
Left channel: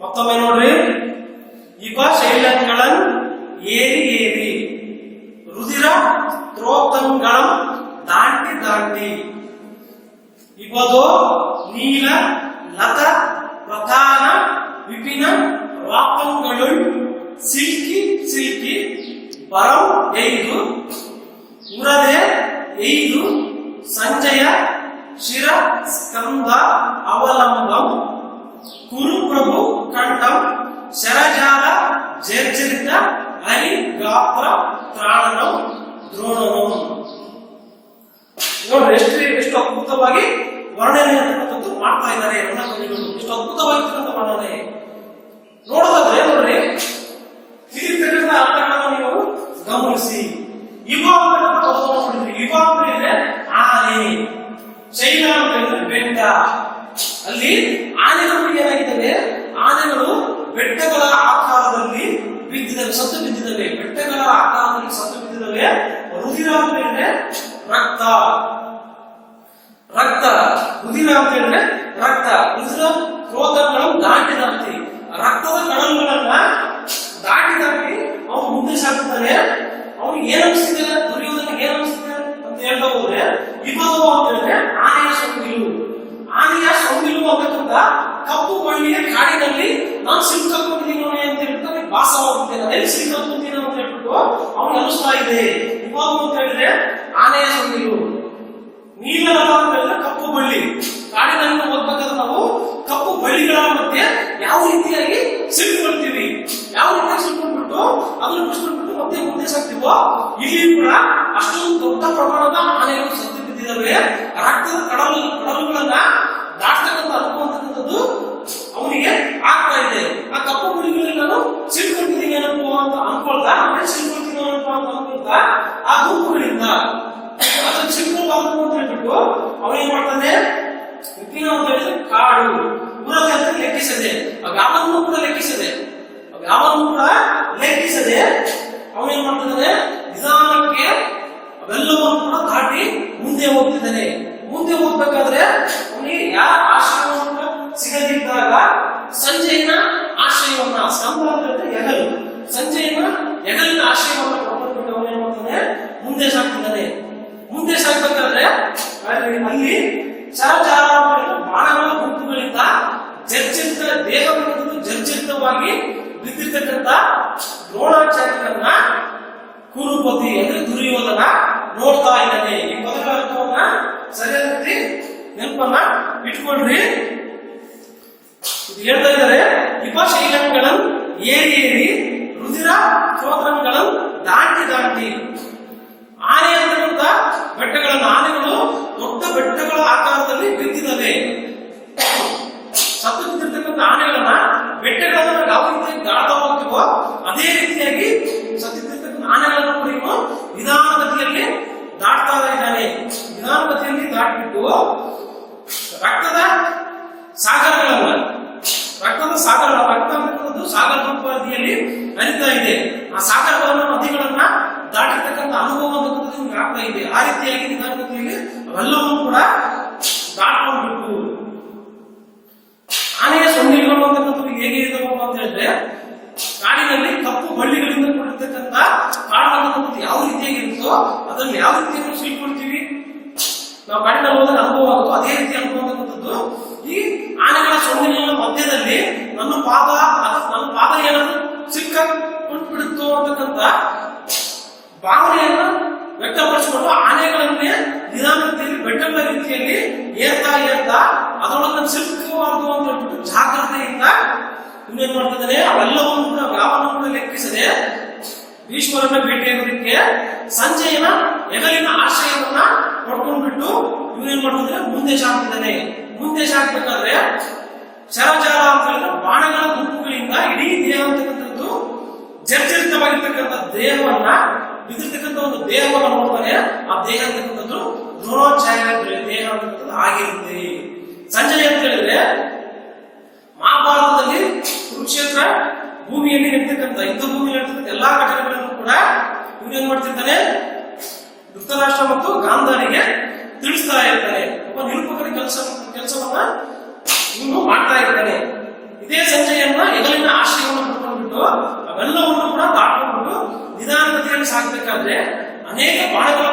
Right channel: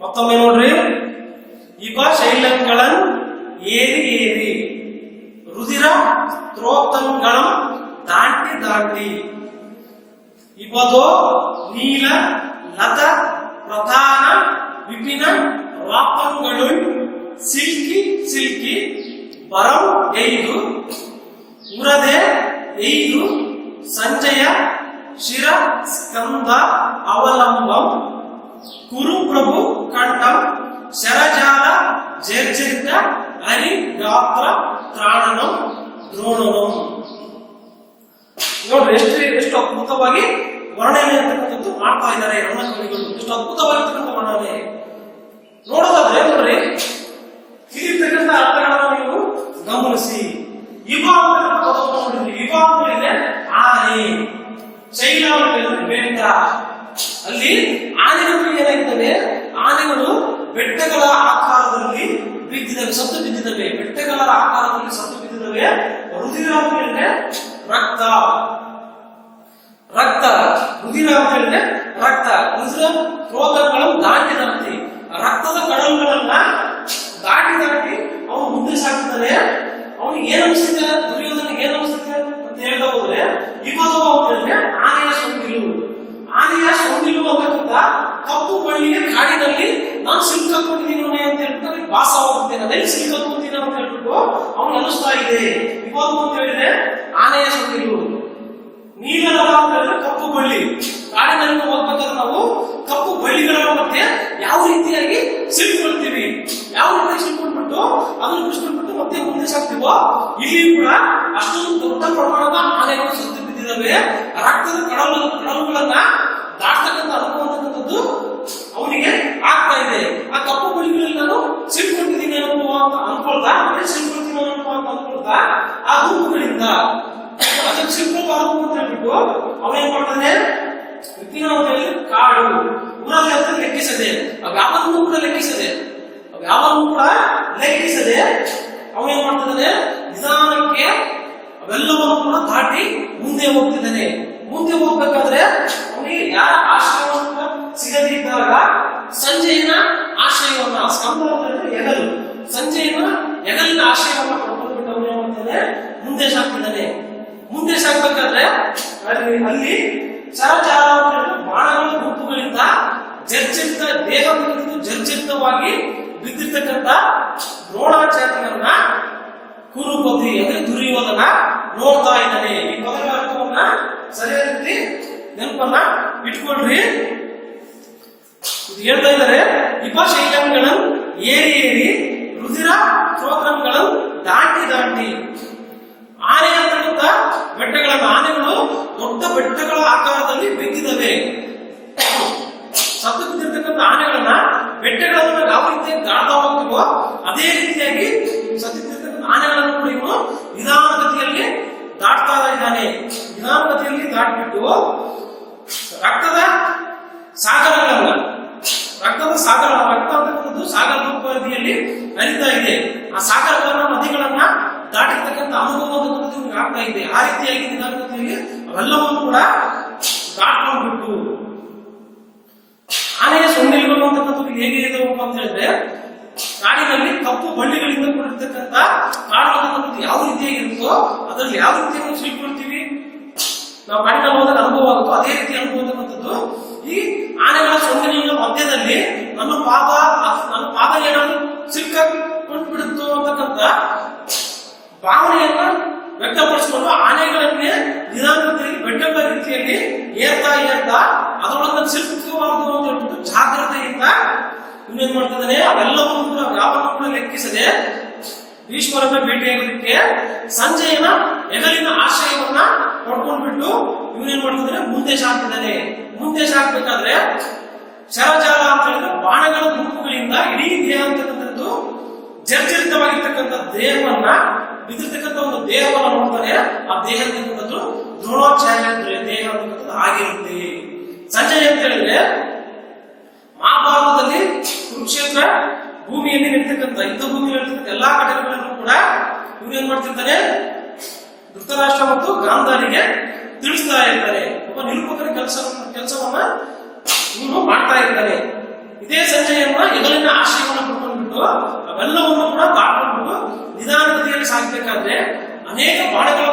ಮತ್ತೊಮ್ಮೆ ನೋಡ್ರಿ. ಇವ ಶೈಲಂಗಳನ್ ಏರಿ ರುದಿರ ತ್ರೋತಂಗಳಂ ದಾಂಡಿ ಇವದೋ ನೀಲ ಲತ ಪ್ರಧಾನ ವಿಪಿನ ರಾಪಂಗಳು ಸಿಲ್ಕಿ ಬರಂ ಐದು ಉರದೆ ಐದು ಸಂಜಯ ಶಿರ ಸ್ಕಂದ ಅವಲಂಬಂ ಕುರುಪ್ರಭು ಕಂಠಂ ಶರಜಾಲ ಜರ್ಜರಿತ ಹರಿ ಗಾತ್ರ ತ್ರಾಣನಂ ದ್ರೋಣನಂ. ನೋಡ್ರಿ ಎಷ್ಟು ಅದ್ಭುತವಾಗಿ ವರ್ಣನೆ ಅಂತಕ್ಕಂಥದ್ದು ಮಾಡ್ತಾ ಇದ್ದಾರೆ ನನ್ನ ಕವಿಗಳು. ಎಷ್ಟು ಅದ್ಭುತವಾಗಿರ್ತಕ್ಕಂಥ ವರ್ಣನೆ ನೋಡೋದಾದ್ರೆ ನೋಡ್ರಿ, ಇಲ್ಲಿರ್ತಕ್ಕಂಥ ಅರ್ಥಗಳನ್ನು ನೀವು ಗಮನಿಸಿ. ಇವ ಅಂತಕ್ಕಂಥ ಪದವನ್ನು ನೋಡಿದ್ರಿ. ಇವ ಅಂತ ಹೇಳಿದ್ರೆ ಆನೆ, ಶೈಲ ಅಂತ ಹೇಳಿದ್ರೆ ಬೆಟ್ಟ. ಅಲ್ಲಿ ಆನೆಗಳು ಏನಾಗಿದ್ದಾವೆ, ಆನೆಗಳು ಬೆಟ್ಟಗಳ ಆಕಾರದಲ್ಲಿ ಬಿದ್ದಿದ್ದಾವೆ, ಸತ್ತು ಬಿದ್ದಿದ್ದಾವೆ. ಬೆಟ್ಟಗಳ ಆಕಾರದಲ್ಲಿ ಸತ್ತು ಬಿದ್ದಿದ್ದಾವೆ. ರುದಿರ ಅಂತ ಹೇಳಿದ್ರೆ ರಕ್ತ, ರುದಿರ ಅಂತ ಹೇಳಿದ್ರೆ ರಕ್ತ. ರುದಿರ ಕ್ರೋಧಗಳು ದಾಟಿ ರಕ್ತದ ಕಡಲುಗಳನ್ನ ದಾಟಿ ಅವನು ಮುಂದೆ ಸಾಕ್ತಾನೆ. ಅವನಿಗೆ ಏನ್ ಅನಿಸ್ತಿದೆ, ದುರ್ಯೋಧನಿಗೆ ಏನ್ ಅನಿಸ್ತಿದೆ ಅಂತ ಹೇಳ್ತಾ ಹೋದ್ರೆ, ಇವಾಗ ಅಂತ ಹೇಳಿದ್ರೆ ಆನೆಯ ಸೊಂಡಿಲು ಅಂತಕ್ಕಂಥ ಕಪ್ಪು ಮಣ್ಣಿನ ಕಾಡಿನಲ್ಲಿ ನಾನು ಸಿಲ್ಕೊಂಡಿದ್ದೀನಿ ಅಂತ ಹೇಳ್ತಾರೆ. ಭಾಸವಾಗುತ್ತೇನೆ, ಅದೇ ಸಿಲ್ಕೊಂತೀನಿ ಅಂತ ಹೇಳ್ಬಿಟ್ಟು ಅವನು ಅನಿಸ್ತಾ ಇದೆ. ಇವಾಗ ಆನೆಯ ಸೊಂಡಿಲು. ನೀಲನದ ಅಂತ ಹೇಳಿದ್ರೆ ಕಪ್ಪು ಬಳ್ಳಿ. ಕಾಡಿನಲ್ಲಿ ಹೋಗ್ಬೇಕಾದ್ರೆ ನಾವು ಕಪ್ಪು ಬಳ್ಳಿಗಳ ಮಧ್ಯೆ ಯಾವ ರೀತಿಯಾಗಿ ಸಿಲ್ಕೊಳ್ತೀವಿ, ಯಾವ ರೀತಿಯಾಗಿ ಸಿಲ್ಕೊಂಡ್ಬಿಟ್ಟು ಅದನ್ನು ಬಿಡಿಸ್ಕೊಂಡ್ಬಿಟ್ಟು ಮತ್ತೆ ಮುಂದೆ ಸಾಕ್ತಿವೋ, ಇಲ್ಲಿ ಕೂಡ ಅಷ್ಟೊಂದು ದೊಡ್ಡ ಪ್ರಮಾಣದ ಆನೆಗಳು ಸತ್ತು ಬಿದ್ದಿದ್ದಾವೆ. ರಕ್ತದ ಕಡಲುಗಳನ್ನ ದಾಟ್ತಕ್ಕಂಥ ಅನುಭವ ಅಂತಕ್ಕಂಥದ್ದು ಅವನಿಗೆ ಆಗ್ತಾ ಇದೆ. ಆ ಕಪ್ಪು ಬಳ್ಳಿಗಳಲ್ಲಿ ನಾನು ಸಿಲ್ಕೊಂಡಿದ್ದೀನಿ ಅನುಭವ ಅಂತ ಅನ್ಕೊಳ್ತಾ, ಸಿಲ್ಕೊಳ್ತೀನಿ ಅನುಭವ ಅಂತ ಅನ್ಕೊಳ್ತಾ ಆ ಗುಂಪುಗಳಿಂದ ಅದನ್ನು ಸಿಲ್ಕೊಳ್ಬಾರ್ದು ಅಂತ ಹೇಳ್ಬಿಟ್ಟು ಅವನೇನ್ ಮಾಡ್ತಾನೆ, ವಿಪಿನ ಅಂತ ಹೇಳಿದ್ರೆ ಕಾಡು ಊರಲ್ಲಿ ಅಂತ ಲೆಕ್ಕಿಸದೆ, ಯಾವನ್ನೂ ಕೂಡ ಲೆಕ್ಕಿಸದೆ ಅವನೇನ್ ಮಾಡ್ತಿದ್ದಾನೆ, ನಿಧಾನಕ್ಕೆ ಅವೆಲ್ಲವನ್ನು ಕೂಡ ದಾಟಿ ಮುಂದೆ ಹೋಗ್ತಿದ್ದಾನೆ. ಮುಂದೆ ಹೋಗ್ಬೇಕಾದ್ರೆ ಅವನಿಗೆ ಯಾರ ಆಶ್ರಯವನ್ನು ಸಿಗದಿದ್ದಾಗ ಸಂಜೆಯ ಆಶ್ರಯವನ್ನ, ಸ್ಕಂದ ಎಗಲು, ಸಂಜೆಯ ಎಗಲಿನ ಆಶ್ರಯವನ್ನ ಪಡ್ಕೊಂಡ್ಬಿಟ್ಟು ಅವನೇನ್ ಮಾಡ್ತಾನೆ, ಮುಂದೆ ಸಾಕ್ತಿದ್ದಾನೆ. ಮುಂದೆ ಸಾಕ್ಬೇಕಾದ್ರೆ ಅಲ್ಲಿ ಸರಚಾರ ಬಾಣಗಳ ಗುಂಪುಗಳಿಂದ ಜರ್ಜರಿತ ದೇಹ ಜರ್ಜರಿತವಾಗಿ ಬಿದ್ದಿರ್ತಕ್ಕಂಥ ದ್ರೋಣಾಚಾರ್ಯರನ್ನ ಕುರುಪತಿ ಅಂದ್ರೆ ದುರ್ಯೋಧನ ನೋಡ್ತಾ ಇದ್ದಾನೆ. ಈ ಪದಗಳ ಅರ್ಥವನ್ನ ಸರಿಯಾದ ರೀತಿ ನೆನಪನ್ನ ಇಟ್ಕೊಳ್ರಿ. ಇದು ಹೇಳ್ತಾ ಇದ್ದಾರೆ, ವಿಪಶೈಲಂಗಳನ್ನು ಏರಿ ಏರಿ ರುಧಿರ ಶ್ರೋತ್ರಗಳನ್ನು ದಾಟಿ ಆನೆ ಅಂತಕ್ಕಂಥ ಬೆಟ್ಟಗಳನ್ನು, ಆನೆಗಳು ದೊಡ್ಡ ಬೆಟ್ಟಗಳ ಆಕಾರದಲ್ಲಿ ಬಿದ್ದಿದ್ದಾವೆ. ಸತ್ತು ಬಿದ್ದಿರ್ತಕ್ಕಂಥ ಆನೆಗಳನ್ನ ಬೆಟ್ಟಗಳನ್ನು ಯಾವ ರೀತಿಯಾಗಿ ದಾಟ್ತಾ ಹೋಗ್ತೀವೋ ಅದೇ ರೀತಿಯಾಗಿ ಸತ್ತಿರ್ತಕ್ಕಂಥ ಆನೆಗಳನ್ನು ಕೂಡ ಇವನು ನಿಧಾನಗತಿಯಲ್ಲಿ ದಾಟ್ತಾ ಇದ್ದಾನೆ. ನಿಧಾನಗತಿಯಲ್ಲಿ ದಾಟ್ಬಿಟ್ಟು ರಕ್ತ ಅಂತಕ್ಕಂಥದ್ದು ಸಾಗರ ನದಿಯಲ್ಲಿ ಹರಿತಾ ಇದೆ. ಆ ಸಾಗರಗಳನ್ನ ನದಿಗಳನ್ನ ದಾಟಿರ್ತಕ್ಕಂಥ ಅನುಭವ ನಿಮ್ಗೆ ಆಗ್ತಾ ಇದೆ. ಆ ರೀತಿಯಾಗಿ ನಿಧಾನಗತಿಯಲ್ಲಿ ಅವೆಲ್ಲವನ್ನು ಕೂಡ ದಾಟ್ಕೊಂಡ್ಬಿಟ್ಟು ಆನೆಯ ಸೊಂಡಿಲುಗಳು ಅಂತಕ್ಕಂಥದ್ದು ಹೇಗೆ ಇದಾವೆ ಅಂತ ಹೇಳಿದ್ರೆ, ಕಾಡಿನಲ್ಲಿ ಕಪ್ಪು ಬಳ್ಳಿಗಳಿಂದ ಕೂಡಿರ್ತಕ್ಕಂಥ ಕಾಡು ಅಂತಕ್ಕಂಥದ್ದು ಯಾವ ರೀತಿಯಾಗಿರುತ್ತೋ ಅದರಲ್ಲಿ ಯಾವ ರೀತಿಯಾಗಿ ಸಿಲ್ಕೊಳ್ತೀವಿ, ನಾವು ಕಾಡಿನಲ್ಲಿ ಹೋದಾಗ ಅನುಭವ ಆಗುತ್ತೋ ಅದೇ ರೀತಿ ಅನುಭವ ಅಂತಕ್ಕಂಥದ್ದು ಈ ಆನೆಗಳ ಸೊಂಡಿಲಿನ ಮಧ್ಯದಲ್ಲಿ ನನ್ನ ಪಾದ ಏನಾದ್ರು ಸಿಲ್ಕೊಂಡ್ಬಿಡುತ್ತೋ ಅಂತಕ್ಕಂಥ ಭಾವನೆಯನ್ನ ವ್ಯಕ್ತಪಡಿಸಿಕೊಂಡು ಆನೆಗಳನ್ನೇ ನಿಧಾನಗತಿಯಲ್ಲಿ ಬೆಟ್ಟಗಳ ರೀತಿಯಲ್ಲಿ ಏರ್ತಾ ಅದರೊಳಗೆ ಸಿಲ್ಕಬಾರದು ಅಂತ ಹೇಳ್ಬಿಟ್ಟು ಜಾಗ್ರತೆಯಿಂದ ಇನ್ನೇನ್ ಮಾಡ್ತಿದ್ದಾನೆ, ಅವೆಲ್ಲವನ್ನು ಕೂಡ ಯಾವನ್ನು ಕೂಡ ಲೆಕ್ಕಿಸದೆ ಈಶ್ವರನ ಭೇಟಿಯಾಗೋದಕ್ಕೆ ಸಂಜೆಯನ ಎಗಲಿನ ಆಶ್ರಯವನ್ನ ಪಡ್ಕೊಂಡ್ಬಿಟ್ಟು ಇವನೇನ್ ಮಾಡ್ತಿದ್ದಾನೆ, ಮುಂದೆ ಸಾಕ್ತಿದ್ದಾನೆ. ಮುಂದೆ ಸಾಕ್ಬೇಕಾದ್ರೆ ಶರಜಾಲ ಅಂತ ಹೇಳಿದ್ರೆ ಬಾಣಗಳ ಗುಂಪುಗಳಿಂದ ಇಡೀ ದೇಹ ಅಂತಕ್ಕಂಥದ್ದು ಜರ್ಜರಿತವಾಗಿರ್ತಕ್ಕಂಥ ದೇಹವನ್ನ ಬಿದ್ದಿರ್ತಕ್ಕಂಥ ಒಂದು ದೇಹವನ್ನ ನೋಡ್ತಾನೆ. ಆ ದೇಹ ಅಂತಕ್ಕಂಥದ್ದು ದ್ರೋಣಾಚಾರ್ಯ ದೇಹ ಅಂತಕ್ಕಂಥದ್ದು ಆಗಿರುತ್ತೆ. ಸಂಜಯ್ ಅಂತ ಹೇಳಿದ್ರೆ ಮಹಾಭಾರತದಲ್ಲಿ ಕುರುಕ್ಷೇತ್ರ ಭೂಮಿಯಲ್ಲಿ ನಡೀತಕ್ಕಂಥ ಯುದ್ಧ ಭೂಮಿಯಲ್ಲಿ ನಡೀತಕ್ಕಂಥ ಎಲ್ಲಾ ಘಟನೆಗಳನ್ನು ಕೂಡ ಇವನೇನ್ ಮಾಡ್ತಿರ್ತಾನೆ, ಧೃತರಾಷ್ಟ್ರ ಮತ್ತು ಗಾಂಧಾರಿಗೆ ತಿಳಿಸ್ತಾ ಇರ್ತಾನೆ. ಒಬ್ಬ ನಿರೂಪಕರ ಕೆಲಸವನ್ನ ಇವನು ಮಾಡ್ತಾ ಇರ್ತಾನೆ. ಇದೇ ಸಂಜಯನ್ನ ಎಗಲಿನ ಆಶ್ರಯವನ್ನು ಪಡ್ಕೊಂಡ್ಬಿಟ್ಟು ಅವೆಲ್ಲವನ್ನು ಕೂಡ ದಾಟ್ಕೊಂಡ್ಬಿಟ್ಟು ನಿಧಾನಗತಿಯಲ್ಲಿ ಸಾಗಬೇಕಾದ್ರೆ ಅನೇಕ ಬಾಣಗಳ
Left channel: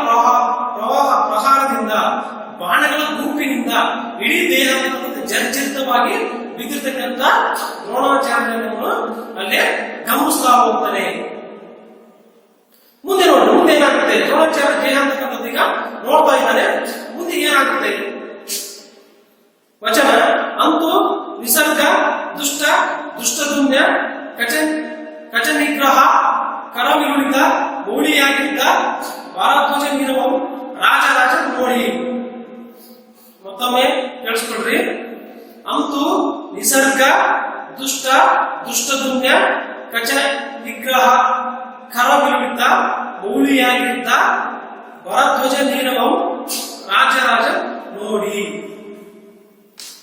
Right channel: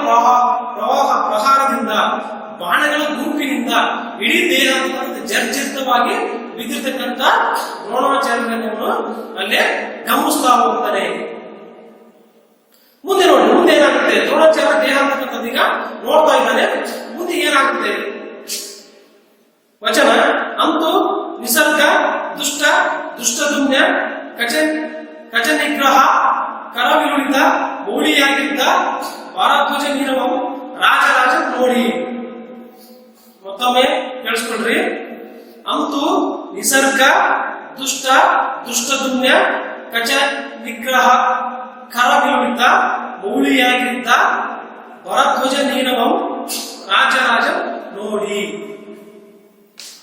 ಪ್ರಹಾರದಿಂದ, ಬಾಣಗಳ ಗುಂಪಿನಿಂದ ಇಡೀ ದೇಹ ಜರ್ಜರಿತವಾಗಿ ಬಿದ್ದಿರ್ತಕ್ಕಂಥ ದ್ರೋಣಾಚಾರ್ಯರನ್ನು ಅಲ್ಲೇ ಗಮನಿಸ್ತಾ ಹೋಗ್ತಾನೆ. ಮುಂದೆ ನೋಡಿ, ಮುಂದೆ ಏನಾಗುತ್ತೆ, ದ್ರೋಣಾಚಾರ್ಯ ದೇಹ ಅಂತಕ್ಕಂಥದ್ದು ಈಗ ನೋಡ್ತಾ ಇದ್ದಾನೆ. ಮುಂದೆ ಏನಾಗುತ್ತೆ ವಚನ, ಅಂತೂ ನಿಸರ್ಗ ದುಷ್ಟದುಮ್ಯ ಕಚ ನಿಗ್ರಹ ಕರವಿರುಳಿದ ಮೌಳಿಯಾಗಿದ್ದ ಭಾರಧ್ವಜ ನೀರವಂ ರಾಜರಾಜ ನೋಡಿ. ಮತ್ತೊಮ್ಮೆ ಕೇಳಿಸ್ಕೊಳ್ರಿ. ಅಂತೂ ನಿಸರ್ಗ ದುಷ್ಟದುಮ್ಯ ಕಚ ನಿಗ್ರಹ ಕರವಿರುಳಿದ ಮೌಳಿಯಾಗಿದ್ದ ಭಾರಧ್ವಜ ನೀರವಂ ರಾಜರಾಜ ನೋಡಿ.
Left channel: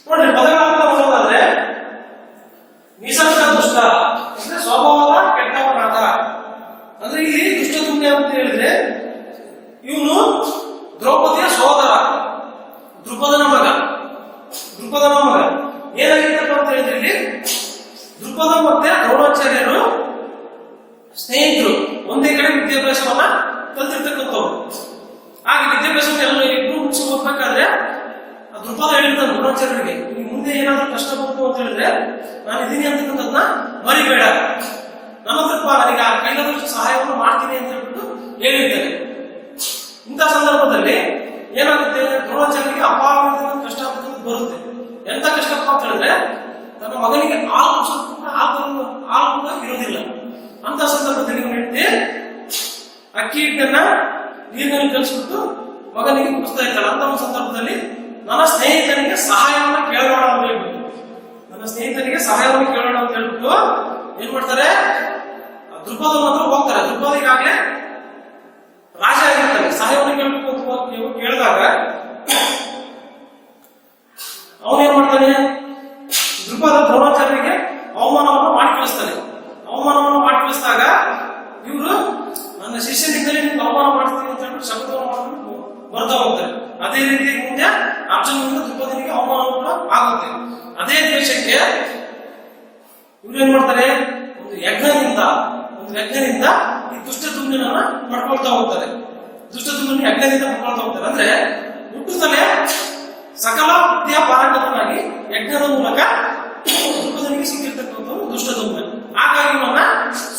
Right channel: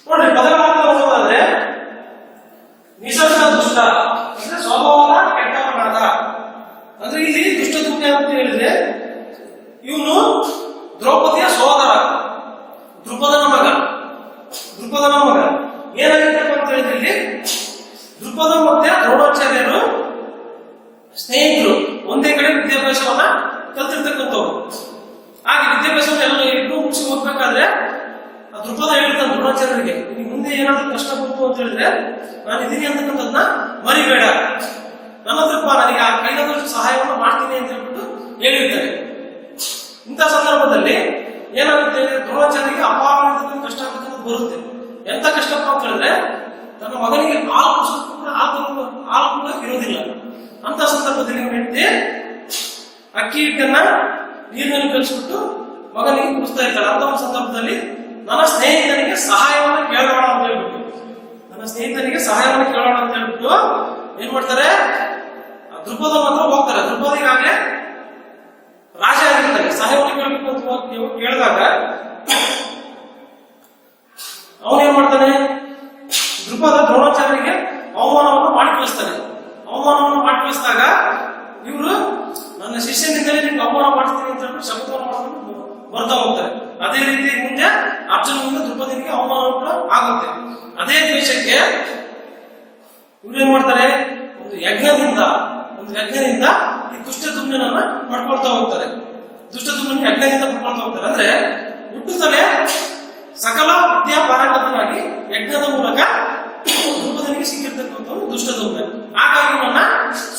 ನೋಡ್ರಿ, ಪದಗಳನ್ನ ನೋಡೋದಾದ್ರೆ ನಿಸರ್ಗ ದುಷ್ಟ ಅಂದ್ರೆ ಸ್ವಭಾವದ ಕೆಟ್ಟವನಾದ, ಅಂದ್ರೆ ಇಲ್ಲಿ ದುಷ್ಟದುಮ್ಯ ಅಂತ ಹೇಳಿದ್ರೆ ಇವನು ದ್ರೌಪದಿಯ ಸೋದರ, ದ್ರುಪದನ ಮಗ. ಏನಾಗಿರ್ತಕ್ಕ ಅಂತ ಹೇಳಿದ್ರೆ ಇಲ್ಲಿ ದ್ರುಪದ ಮತ್ತೆ ದ್ರೋಣಾಚಾರ್ಯರು ಸ್ನೇಹಿತರು, ಒಂದೇ ಕಡೆ ವಿದ್ಯಾಭ್ಯಾಸವನ್ನ ಕಲ್ತಿರ್ತಕ್ಕಂಥವ್ರು. ಹಾಗೆ ವಿದ್ಯಾಭ್ಯಾಸವನ್ನು ಎಲ್ಲ ಇಬ್ಬರು ಮುಗಿಸಿ ಓದ್ಬೇಕಾದ್ರೆ ದ್ರುಪದ ಹೇಳ್ತಾನೆ ದ್ರೋಣಾಚಾರ್ಯರಿಗೆ, ನಿಮ್ಗೆ ಮುಂದೆ ಏನಾದ್ರೂ ಕಷ್ಟ ಬಂತು ಅಂತ ಹೇಳಿದ್ರೆ ನಾನು ಇದೀನಿ ಅಂತಕ್ಕಂಥದ್ದನ್ನ ಮರಿಬೇಡ, ನನ್ನ ಹತ್ರ ನನಗೆ ಆ ಕೈಲಾದಷ್ಟು ಸಹಾಯವನ್ನು ಮಾಡ್ತೀನಿ ಅಂತ ಹೇಳ್ಬಿಟ್ಟು ಹೇಳಿರ್ತಾರೆ. ಇಂಥ ಸಂದರ್ಭದಲ್ಲಿ ಏನಾಗುತ್ತೆ, ದ್ರೋಣಾಚಾರ್ಯರಿಗೆ ಅಪಾರವಾಗಿರ್ತಕ್ಕಂಥ ಕಷ್ಟ ಅಂತಕ್ಕಂಥದ್ದು ಬರುತ್ತೆ. ಎಂತ ಕಷ್ಟಪ್ಪ ಅಂತ ಹೇಳಿದ್ರೆ ತನ್ನ ಮಗನಿಗೆ ಹಾಲು ಕೂಡ ಇರೋದಿಲ್ಲ. ಅಂತ ಸಂದರ್ಭದಲ್ಲಿ ಹೆಂಡತಿ ಅಕ್ಕಿ ಹಿಟ್ಟನ್ನ ನೀರಿನಲ್ಲಿ ಕಲಿಸ್ಬಿಟ್ಟು ಮಗನಿಗೆ ಕುಡಿಸ್ತಾ ಇದ್ದಾಳೆ. ಅಂತ ಒಂದು ಸಂದರ್ಭದಲ್ಲಿ ನನ್ನ ಸ್ನೇಹಿತನಿಗೆ ಸಹಾಯವನ್ನ ಕೇಳೋಣ ಅಂತ ಹೇಳ್ಬಿಟ್ಟು ಏನ್ ಮಾಡ್ತಾರೆ, ದ್ರುಪದನ ಹತ್ರ ಹೋಗ್ತಾರೆ. ದ್ರುಪದಿಗಾಗ್ಲೇ ರಾಜ ಆಗಿರ್ತಾರೆ. ಸಹಾಯವನ್ನು ಕೇಳಬೇಕು ಅಂತ ಕೇಳಿದಾಗ ಅವನೇನ್ ಮಾಡ್ತಾನೆ, ದ್ರುಪದ ದ್ರೋಣಾಚಾರ್ಯರಿಗೆ ಅವಮಾನವನ್ನು ಮಾಡಿ ಕಳಿಸಿದಾಗ ಇವರು ನನ್ನ ಶಿಷ್ಯನಿಂದಲೇ ನಿಮ್ಗೆ ಅವಮಾನ ಮಾಡ್ತೀನಿ ಅಂತ ಹೇಳ್ಬಿಟ್ಟು ಶಬ್ದವನ್ನು ಮಾಡ್ಕೊಂಡು ಬರ್ತಾ ಹೋಗ್ತಾರೆ. ಅದೇ ರೀತಿ ಮುಂದೆ ಅರ್ಜುನನಿಂದ ದ್ರುಪದನಿಗೆ ಅವಮಾನ ಕೂಡ ಆಗುತ್ತೆ. ಅದೇ ದ್ವೇಷಕ್ಕೆ ಇವ್ರೇನ್ ಮಾಡ್ತಾರೆ, ಒಂದು ಯಜ್ಞದಿಂದ ಈ ದುಷ್ಟದುಮ್ನನ್ನ ಮಾಡ್ಕೊಳ್ತಾ ಹೋಗ್ತಾರೆ. ಯಜ್ಞದಿಂದ ಮಾಡ್ಕೊಳ್ತಾ ಹೋಗ್ತಾರೆ. ಅಂದ್ರೆ ಹುಟ್ಟುತ್ತಲೇ ಸಕಲ ವಿದ್ಯಾ ಪಾರಂಗತನಾಗಿ ಯಜ್ಞದ ಮೂಲಕ ದ್ರುಪದನಿಗೆ ಸಿಕ್ಕಿರ್ತಕ್ಕಂಥ ದುಷ್ಟದುಮ್ನ. ಹಾಗಾಗಿ ನನ್ನ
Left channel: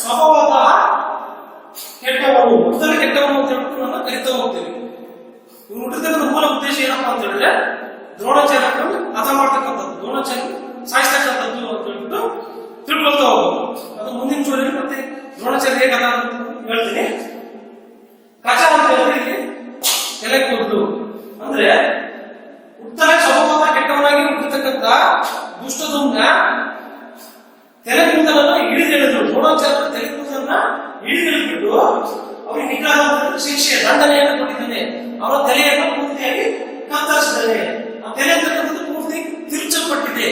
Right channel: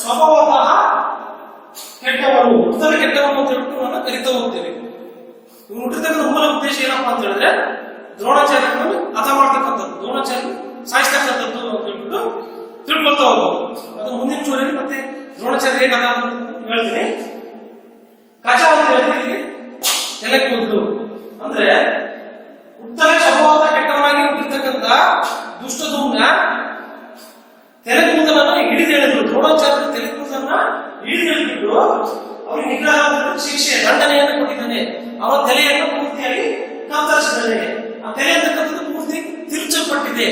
ಸ್ವಭಾವತಃ ಕೆಟ್ಟವರು, ಹುಟ್ಟುತ್ತಲೇ ಕೆಟ್ಟವರು ಅಂತ ಹೇಳ್ಬಿಟ್ಟು ನನ್ನ ಕರಿತಾ ಹೋಗ್ತೇವೆ. ಇವ್ನು ಹುಟ್ಟಿರ್ತಕ್ಕಂಥ ಮೂಲ ಉದ್ದೇಶ ಏನಪ್ಪಾ ಅಂತ ಹೇಳಿದ್ರೆ ದ್ರೋಣಾಚಾರ್ಯರನ್ನು ಹತ ಮಾಡ್ತಕ್ಕಂಥದ್ದು, ದ್ರೋಣಾಚಾರ್ಯ ಸಾಯಿಸ್ತಕ್ಕಂಥದ್ದು ಅಂತ ಹೇಳ್ಬಿಟ್ಟು ತಿಳ್ಕೊಳ್ತಾ ಹೋಗ್ಬೋದು. ಅದು ಮುಂದಿನ ಚೂರಲ್ಲಿ ಮತ್ತೆ ದ್ರೋಣಾಚಾರ್ಯ ಹೇಗೆ ಹತ ಅಂತ ಹೇಳ್ತೀನಿ. ಕಚ ಅಂತ ಹೇಳಿದ್ರೆ ತಲೆ ಕೂದಲು ಅಂದ್ರೆ ಹುಟ್ಟಲೇ ಸ್ವಭಾವದ ಕೆಟ್ಟವನಾಗಿ ಹುಟ್ಟಿರ್ತಕ್ಕಂಥ ದುಷ್ಟದುಮ್ನ ತಲೆ ಕೂದಲನ್ನ ಹಿಡಿದೆಳೆದ್ರು. ದ್ರೋಣಾಚಾರ್ಯ ತಲೆ ಕೂದಲನ್ನ ಹಿಡಿದೆಳೆದ್ಬಿಟ್ಟು ಅವರಿಗೆ ನಿಗ್ರಹ ಶಿಕ್ಷೆ ದಂಡನೆಯನ್ನು ಕೊಟ್ಟಿದ್ದಾನೆ. ಅವರ ತಲೆಯನ್ನು ಪೂರ್ತಿಯಾಗಿ ಕತ್ತರಿಸಿದ್ದಾನೆ. ಆ ತಲೆ ಅಂತಕ್ಕಂಥದ್ದು ಪೂರ್ತಿ ತಿರುಚಲ್ಪಟ್ಟಿದೆ,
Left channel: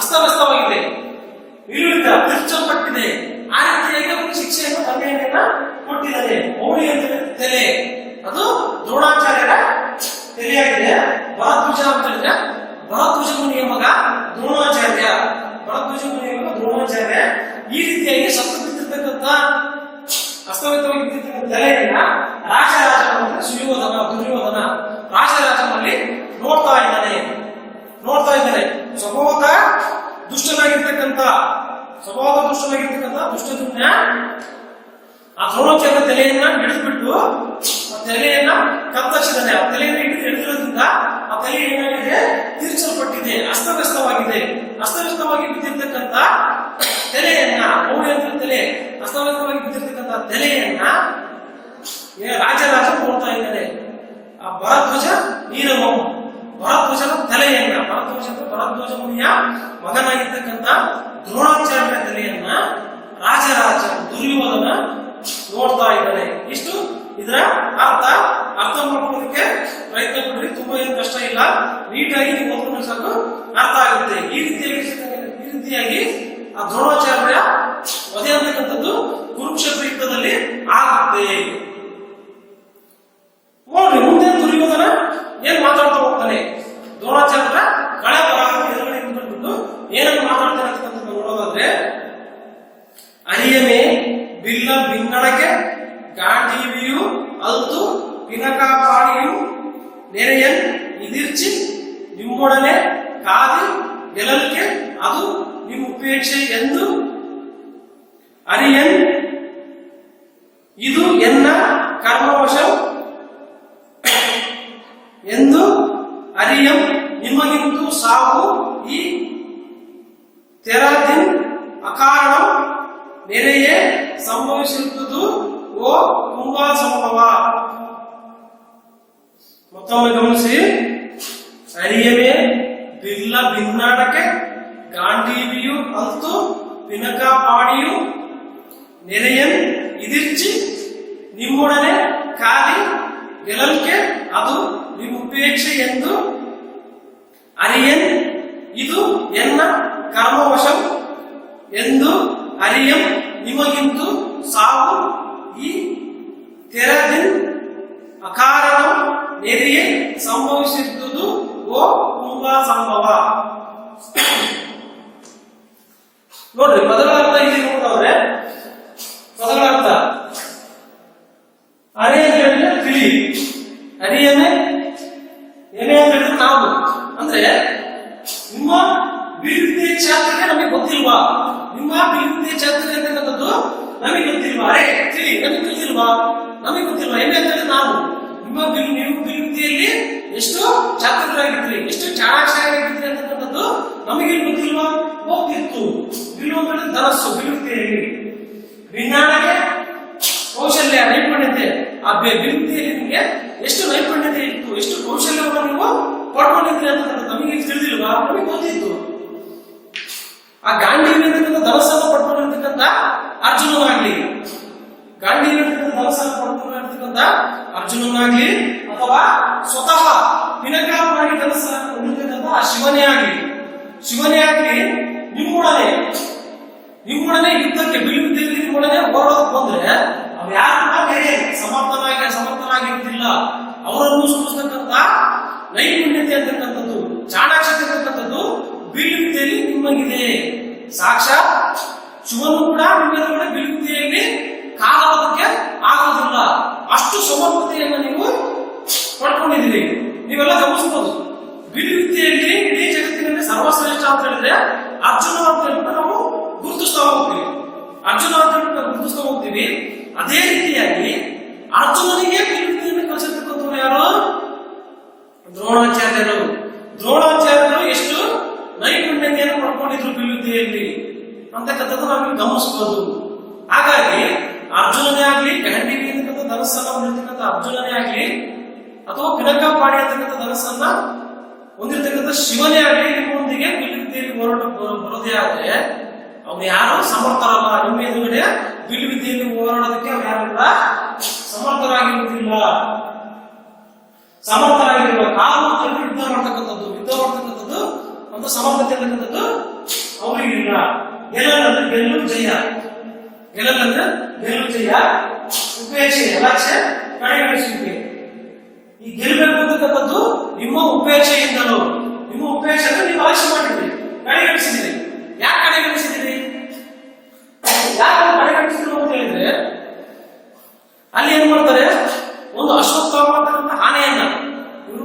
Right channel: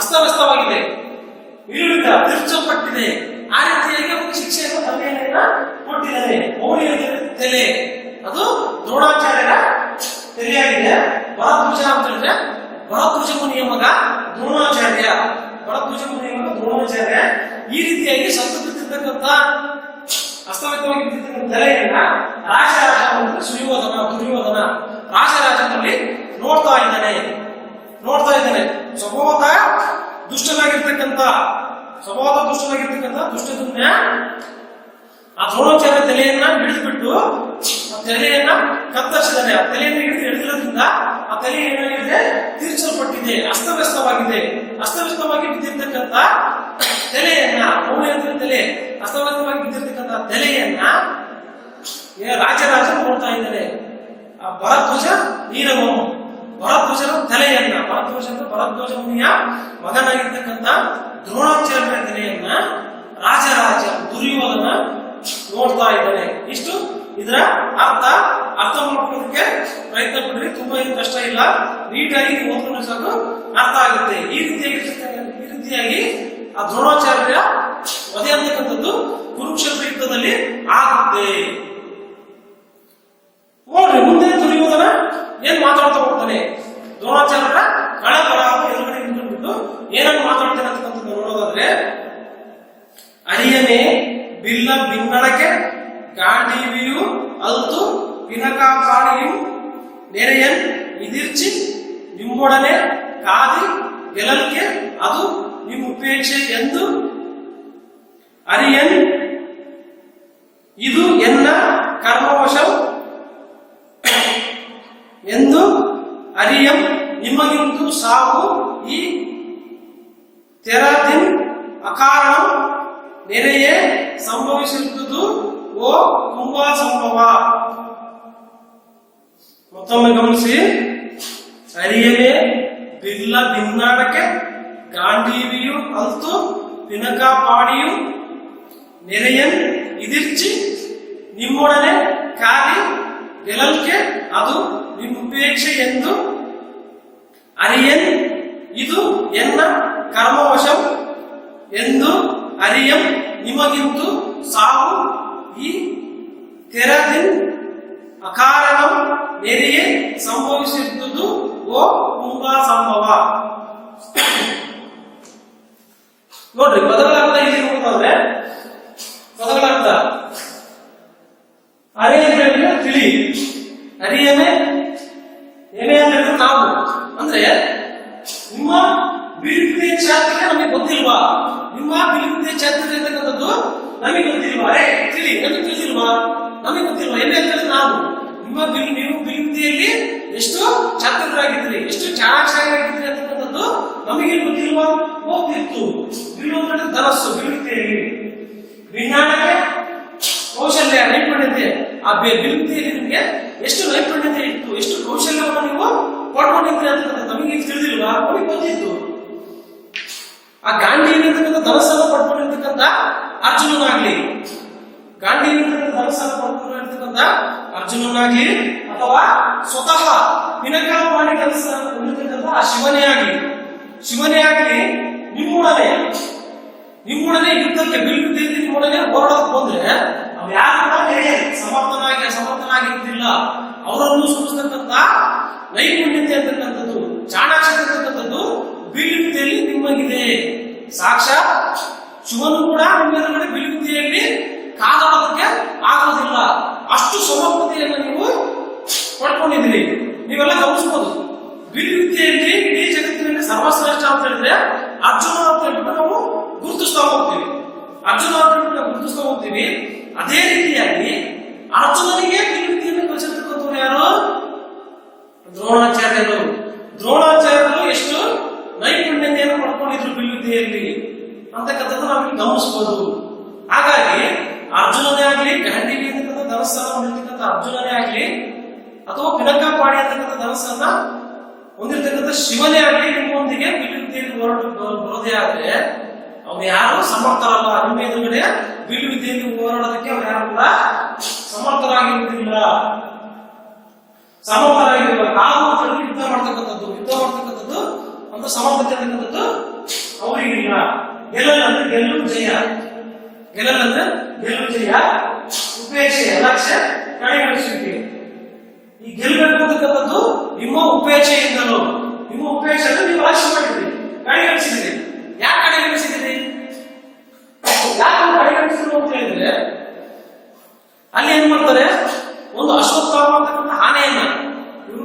ಅಸ್ತವ್ಯಸ್ತವಾಗಿದೆ, ತಿರುಚಲ್ಪಟ್ಟಿದೆ. ಆ ರೀತಿಯಾಗಿ ಅವರಿಗೆ ಶಿಕ್ಷೆಯನ್ನು ದಂಡನೆಯನ್ನ ಕೊಟ್ಟಿದ್ದಾನೆ. ಮೌಳಿಯ ತಲೆ ಅದು ದ್ರೋಣಾಚಾರ್ಯರ ತಲೆಯಾಗಿದೆ. ಭರದ್ವಾಜ ಅಂತ ಹೇಳಿದ್ರೆ ಭರದ್ವಾಜ ಮುನಿಯ ಮಗ ದ್ರೋಣಾಚಾರ್ಯ. ಈ ರೀತಿಯಾಗಿ ಸತ್ತು ಬಿದ್ದಿರ್ತಕ್ಕಂಥ ಅಸ್ತವ್ಯಸ್ತವಾಗಿ ಬಿದ್ದಿರ್ತಕ್ಕಂಥ ತಲೆಯನ್ನ ದುರ್ಯೋಧನ ರಾಜರಾಜನಲ್ಲಿ ನೋಡ್ತಾ ಇದ್ದಾನೆ. ಸ್ವಭಾವದ ದುಷ್ಟನಾಗಿರ್ತಕ್ಕಂಥ ದುಷ್ಟದುಮ್ನ ಆ ದ್ರೋಣಾಚಾರ್ಯ ತಲೆಯನ್ನ ಹಿಡಿದ್ಬಿಟ್ಟು ಆ ತಲೆಯನ್ನ ಕತ್ತರಿಸಿದ್ದಾನೆ. ಆ ತಲೆಯನ್ನು ಹಿಡಿದಿರೋದ್ರಿಂದ ಆ ತಲೆ ಏನಾಗಿದೆ, ತಿರುಚಲ್ಪಟ್ಟಿದೆ, ಅಸ್ತವ್ಯಸ್ತವಾಗಿ ಬಿದ್ದಿರ್ತಕ್ಕಂಥ ತಲೆಯನ್ನ ಅಸ್ತವ್ಯಸ್ತವಾಗಿ ಬಿದ್ದಿರ್ತಕ್ಕಂಥ ತಲೆಯನ್ನ ರಾಜರಾಜ ನೋಡ್ತಾ ಇದ್ದಾನೆ. ಆ ಭರದ್ವಾಜ ಭರದ್ವಾಜನ ತಲೆಯನ್ನ ಭರದ್ವಾಜ ಮುನಿಯ ಮಗನಾಗಿರ್ತಕ್ಕಂಥ ದ್ರೋಣಾಚಾರ್ಯನ ತಲೆಯನ್ನ ರಾಜರಾಜ ದುರ್ಯೋಧನ ನೋಡ್ತಾ ಇದ್ದಾನೆ. ಇಷ್ಟು ಇದರ ಅರ್ಥ ಮಾಡ್ಕೊಳ್ಳೋದಕ್ಕೆ ಪ್ರಯತ್ನ ಪಡ್ರಿ. ತುಂಬಾ ಏನು ಕಷ್ಟ ಇಲ್ಲ, ನೀಟಾಗಿ ನೀವು ಓದ್ಕೊಂಡ್ರೆ ಸಾಕು ಅರ್ಥ ಆಗುತ್ತೆ. ಈ ರೀತಿಯಾಗಿ ಆ ದ್ರೋಣಾಚಾರ್ಯ ವಧೆ ಅಂತಕ್ಕಂಥದ್ದು ಕುರುಕ್ಷೇತ್ರ ಯುದ್ಧದಲ್ಲಿ ಆಗುತ್ತೆ. ನೋಡ್ರಿ ಮುಂದೆ ದುರ್ಯೋಧನ ಏನ್ ಮಾತಾಡ್ತಾ ಹೋಗ್ತಾನೆ, ದ್ರೋಣಾಚಾರ್ಯರ ಕಳೆ ಬರಹ ಎದುರುಗಡೆ ನಿಂತ್ಕೊಂಡ್ಬಿಟ್ಟು ಏನನ್ನು ಮಾತಾಡ್ತಾನೆ ಅಂತಕ್ಕಂಥದ್ದು ನೋಡೋದಾದ್ರೆ, ಅರಿಯನೆ ಬಿಲ್ಲ ಬಿನ್ನಡಕೆ ಗಾಂಡೀವಿಯು ಅಲ್ತು ಪಿನಕಾಪಾಣಿಯು ನೆರೆಯನ್ ಇದಿರ್ಚಿ ನಿಮ್ಮೊಡನೆ ಕಾದಿ ಗೆಲಲ್ಕೆ ಅದು ನಿಮ್ಮ ಉಪೇಕ್ಷೆ ಎಂದು ಅರಿಯನ್ ಇದು ಎನ್ನ ಕರ್ಮವಶ ಎಂದು ಅರಿಯಂ ನಿಮಗಿಂದು ಸಾವು ಈ ತೆರದಿನ್ ಅಕಾರಣ ನೆರೆಯೇ ಸಂಭವಿಸಿರುವುದು ಓ ತುಂಬಾ ಸಂಭವ. ಮತ್ತೊಮ್ಮೆ ಗಮನಿಸಿ, ಅರಿಯವೇ ಬಿಲ್ಲ ಭಿನ್ನಾಡಕ್ಕೆ ಗಾಂಡೀವಿಯು ಅಲ್ತು ಪಿನಕಾಪಾಡಿಯು ನೆರೆಯನ್ ಇದಿರ್ಚಿ ನಿಮ್ಮೊಡನೆ ಕಾಲಿ ಗೆಲಲ್ಕೆ ಅದು ನಿಮ್ಮುಪೇಕ್ಷೆ ಎಂದು ಅರಿಯನ್ ಇದು ಎನ್ನ ಕರ್ಮವಶಂ ಎಂದು ಅರಿಯಂ ನಿಮಗಿಂದು ಸಾವು ಈ ತೆರದಿನ್ ಅಕಾರಣ ನೆರೆಯೇ ಸಂಭವಿಸಿದ್ದುದು ಓ ತುಂಬಾ ಸಂಭವ. ನೋಡ್ರಿ ಪದಗಳ ಅರ್ಥ ಇಲ್ಲಿ ನೋಡೋದಾದ್ರೆ, ಪದಗಳ ಅರ್ಥ ಅರೆ ಅಂತ ಹೇಳಿದ್ರೆ ತಿಳಿ, ಅರಿಯನೆ ಏನೇ ಅಂತ ಹೇಳಿದ್ರೆ ನಾವು, ಅಂದ್ರೆ ನಿಮ್ಮ ಬಿಲ್ವಿದ್ಯೆ ಚಾತುರ್ಯ ನಮಗೆ ಗೊತ್ತಿಲ್ವಾ, ನಿಮ್ಮ ಬಿಲ್ವಿದ್ಯೆ ಚಾತುರ್ಯ ಅಂತಕ್ಕಂಥದ್ದು ನಮಗೆ ಗೊತ್ತಿಲ್ವಾ, ಅರೆ ತಿಳಿ ನಮಗೆ ತಿಳಿದಿಲ್ವಾ, ನಮಗೆ ಗೊತ್ತಿಲ್ವಾ. ಏನೇ ಅಂತ ಹೇಳಿದ್ರೆ ನಾವು, ನೀವು ಬಿಲ್ವಿದ್ಯೆಯಲ್ಲಿ ಎಷ್ಟು ಚಾತುರ್ಯರಾಗಿದ್ರಿ, ಎಷ್ಟು ಚಾಣಾಕ್ಷರಾಗಿದ್ರಿ ಅಂತಕ್ಕಂಥದ್ದು ನಮಗೆ ಗೊತ್ತಿಲ್ವಾ? ಹೋಗ್ತಿತ್ತು. ಬಿಲ್ಲು ಅಂದ್ರೆ ಧನಸ್ಸು. ಬಿಲ್ವಿದ್ಯೆಯಲ್ಲಿ ವಿಜ್ಞಾನಕ್ಕೆ ಕೌಶಲ್ಯ, ನೈಪುಣ್ಯತೆ. ಆ ಬಿಲ್ವಿದ್ಯೆಯಲ್ಲಿ ನಿಮಗೆ ಎಷ್ಟು ನೈಪುಣ್ಯತೆ ಇತ್ತು, ಎಷ್ಟು ಕೌಶಲ್ಯವನ್ನು ನೀವು ಪಡ್ಕೊಂಡಿದ್ರಿ ಅಂತಕ್ಕಂಥ ನಮಗೆ ತಿಳಿದಿಲ್ವಾ? ನಮಗೆ ಗೊತ್ತಿತ್ತು. ಆ ಗಾಂಧೀವಿ ಅಂತಕ್ಕಂಥ ಧನಸ್ಸನ್ನು ಪಡ್ಕೊಂಡಿರ್ತಕ್ಕಂಥ ಅರ್ಜುನನಾಗ್ಲಿ, ಅರ್ಜುನನಾಗ್ಲಿ ಅಥವಾ ಸ್ವತಃ ಪಿನಕಾಪಾಣಿ ಧನಸ್ಸ ಹೊಂದಿರ್ತಕ್ಕಂಥ ಆ ಶಿವನೇ ಆಗ್ಲಿ ನಿಮ್ಮೊಡನೆ ಯುದ್ಧಕ್ಕೆ ಬಿಲ್ವಿದ್ಯೆಯಲ್ಲಿ ನಿಮ್ಮೊಡನೆ ಹೋರಾಡೋದಕ್ಕೆ ಬಂದ್ರೆ ಅವ್ ಯಾರು ಕೂಡ ಬೇರೆ ಸಮರ್ಥನಾಗಿರುವುದಿಲ್ಲ. ಅವರನ್ನು ಸೂಚಿಸ್ತಕ್ಕಂಥ ನೈಪುಣ್ಯತೆ ಅಂತಕ್ಕಂಥದ್ದು, ಚಾಣಾಕ್ಷತೆ ಅಂತಕ್ಕಂಥದ್ದು ಬಿಲ್ವಿದ್ಯೆಯಲ್ಲಿ ನಿಮಗಿದೆ. ಸಾಕ್ಷಾತ್ ಶಿವನು ಕೂಡ ನಿಮ್ಮ ಎದುರುಗಡೆ ಬಿಲ್ವಿದ್ಯೆಯಲ್ಲಿ ಕಾದಾಡೋದಕ್ಕೆ ಆಗೋದಿಲ್ಲ. ಅಷ್ಟು ಸಮರ್ಥತೆಯನ್ನು ನೀವು ಪಡ್ಕೊಂಡಿದ್ದೀರಿ. ನೀವೆಲ್ಲ ಗಮನಿಸಬಹುದು. ಬಿಲ್ವಿದ್ಯೆಯಲ್ಲಿ ಇಡೀ ಜಗತ್ತಿನಲ್ಲಿ ಸರ್ವಶ್ರೇಷ್ಠ ಅಂತ ಹೇಳಿದ್ರೆ ಅರ್ಜುನ ಅಂತ ಹೇಳ್ಬಿಟ್ಟು ನಾವು ಗುರುತಿಸ್ತಾ ಹೋಗ್ತೀವಿ. ಅದೇ ರೀತಿಯಾಗಿ ಅರ್ಜುನನಿಗೆ ಬಿಲ್ವಿದ್ಯೆಯನ್ನು ಕಲಿಸಿರ್ತಕ್ಕಂಥವ್ರು ಯಾರು? ದ್ರೋಣಾಚಾರ್ಯರು ಎಷ್ಟು ನೈಪುಣ್ಯತೆಯನ್ನು ಪಡ್ಕೊಂಡಿದ್ರು ಬಿಲ್ವಿದ್ಯೆಯಲ್ಲಿ ಅಂತಕ್ಕಂಥದ್ದು ನಾವಿಲ್ಲಿ ಗಮನಿಸಬಹುದು. ಹಾಗಾಗಿ ಅರ್ಜುನನೇ ಆಗ್ಲಿ, ಗಾಂಧೀವಿ ಅಂತಕ್ಕಂಥ ಧನಸ್ಸನ್ನು ಹೊಂದಿರ್ತಕ್ಕಂಥ ಅರ್ಜುನನೇ ಆಗ್ಲಿ ಅಥವಾ ಪಿನಕಾಪಾಣಿ ಅಂತಕ್ಕಂಥ ಧನಸ್ಸನ್ನ ಹೊಂದಿರ್ತಕ್ಕಂಥ ಶಿವನೇ ಆಗ್ಲಿ ನಿಮ್ಮೊಂದಿಗೆ ಬಿಲ್ವಿದ್ಯೆಯಲ್ಲಿ ಬರೋದೇ ಆದ್ರೆ ಅವ್ರು ಯಾರು ಸಮರ್ಥರಲ್ಲ. ನಿಮ್ಮ ಎದುರುಗಡೆ ಬಿಲ್ವಿದ್ಯೆಯಲ್ಲಿ ಹೋರಾಡೋದಕ್ಕೆ ಅವ್ರು ಯಾರು ಕೂಡ ಸಮರ್ಥರಾಗಿರುವುದಿಲ್ಲ. ಕಾವು ಯುದ್ಧ ಮಾಡ್ತಕ್ಕಂಥದ್ದು ಅಂತ ಸಮರ್ಥತೆ ಅಂತಕ್ಕಂಥದ್ದು ಅವರಿಗಿಲ್ಲ. ಗೆಲ್ಲಂದ್ರೆ ಗೆಲ್ಲು ಜಯ, ಉಪೇಕ್ಷೆ ಅಲಕ್ಷ್ಯ, ಕಡೆಗಣಿಸುವಿಕೆ. ಈ ಗೆಲ್ಲಬೇಕು ಅಂತಕ್ಕಂಥದ್ದು ನಿಮ್ಮ ಉಪೇಕ್ಷೆಯಿಂದಲೂ. ನಿಮ್ಮ ಉಪೇಕ್ಷೆ ಅಂದ್ರೆ ನೀವು ಅಲಕ್ಷ್ಯ ಮಾಡಿದ್ರಿ, ಕಡೆಗಣಿಸಿದ್ರಿ. ಯಾಕೆ ಕಡೆಗಣಿಸಿದ್ರಿ ಅಂತ ಹೇಳಿದ್ರೆ ಅಲ್ಲಿ ಏನ್ ಮಾಡ್ತಾರೆ, ಒಂದು ಅಶ್ವತ್ಥಾಮ ಅಂತಕ್ಕಂಥ ಆನೆಯನ್ನ ಇವರು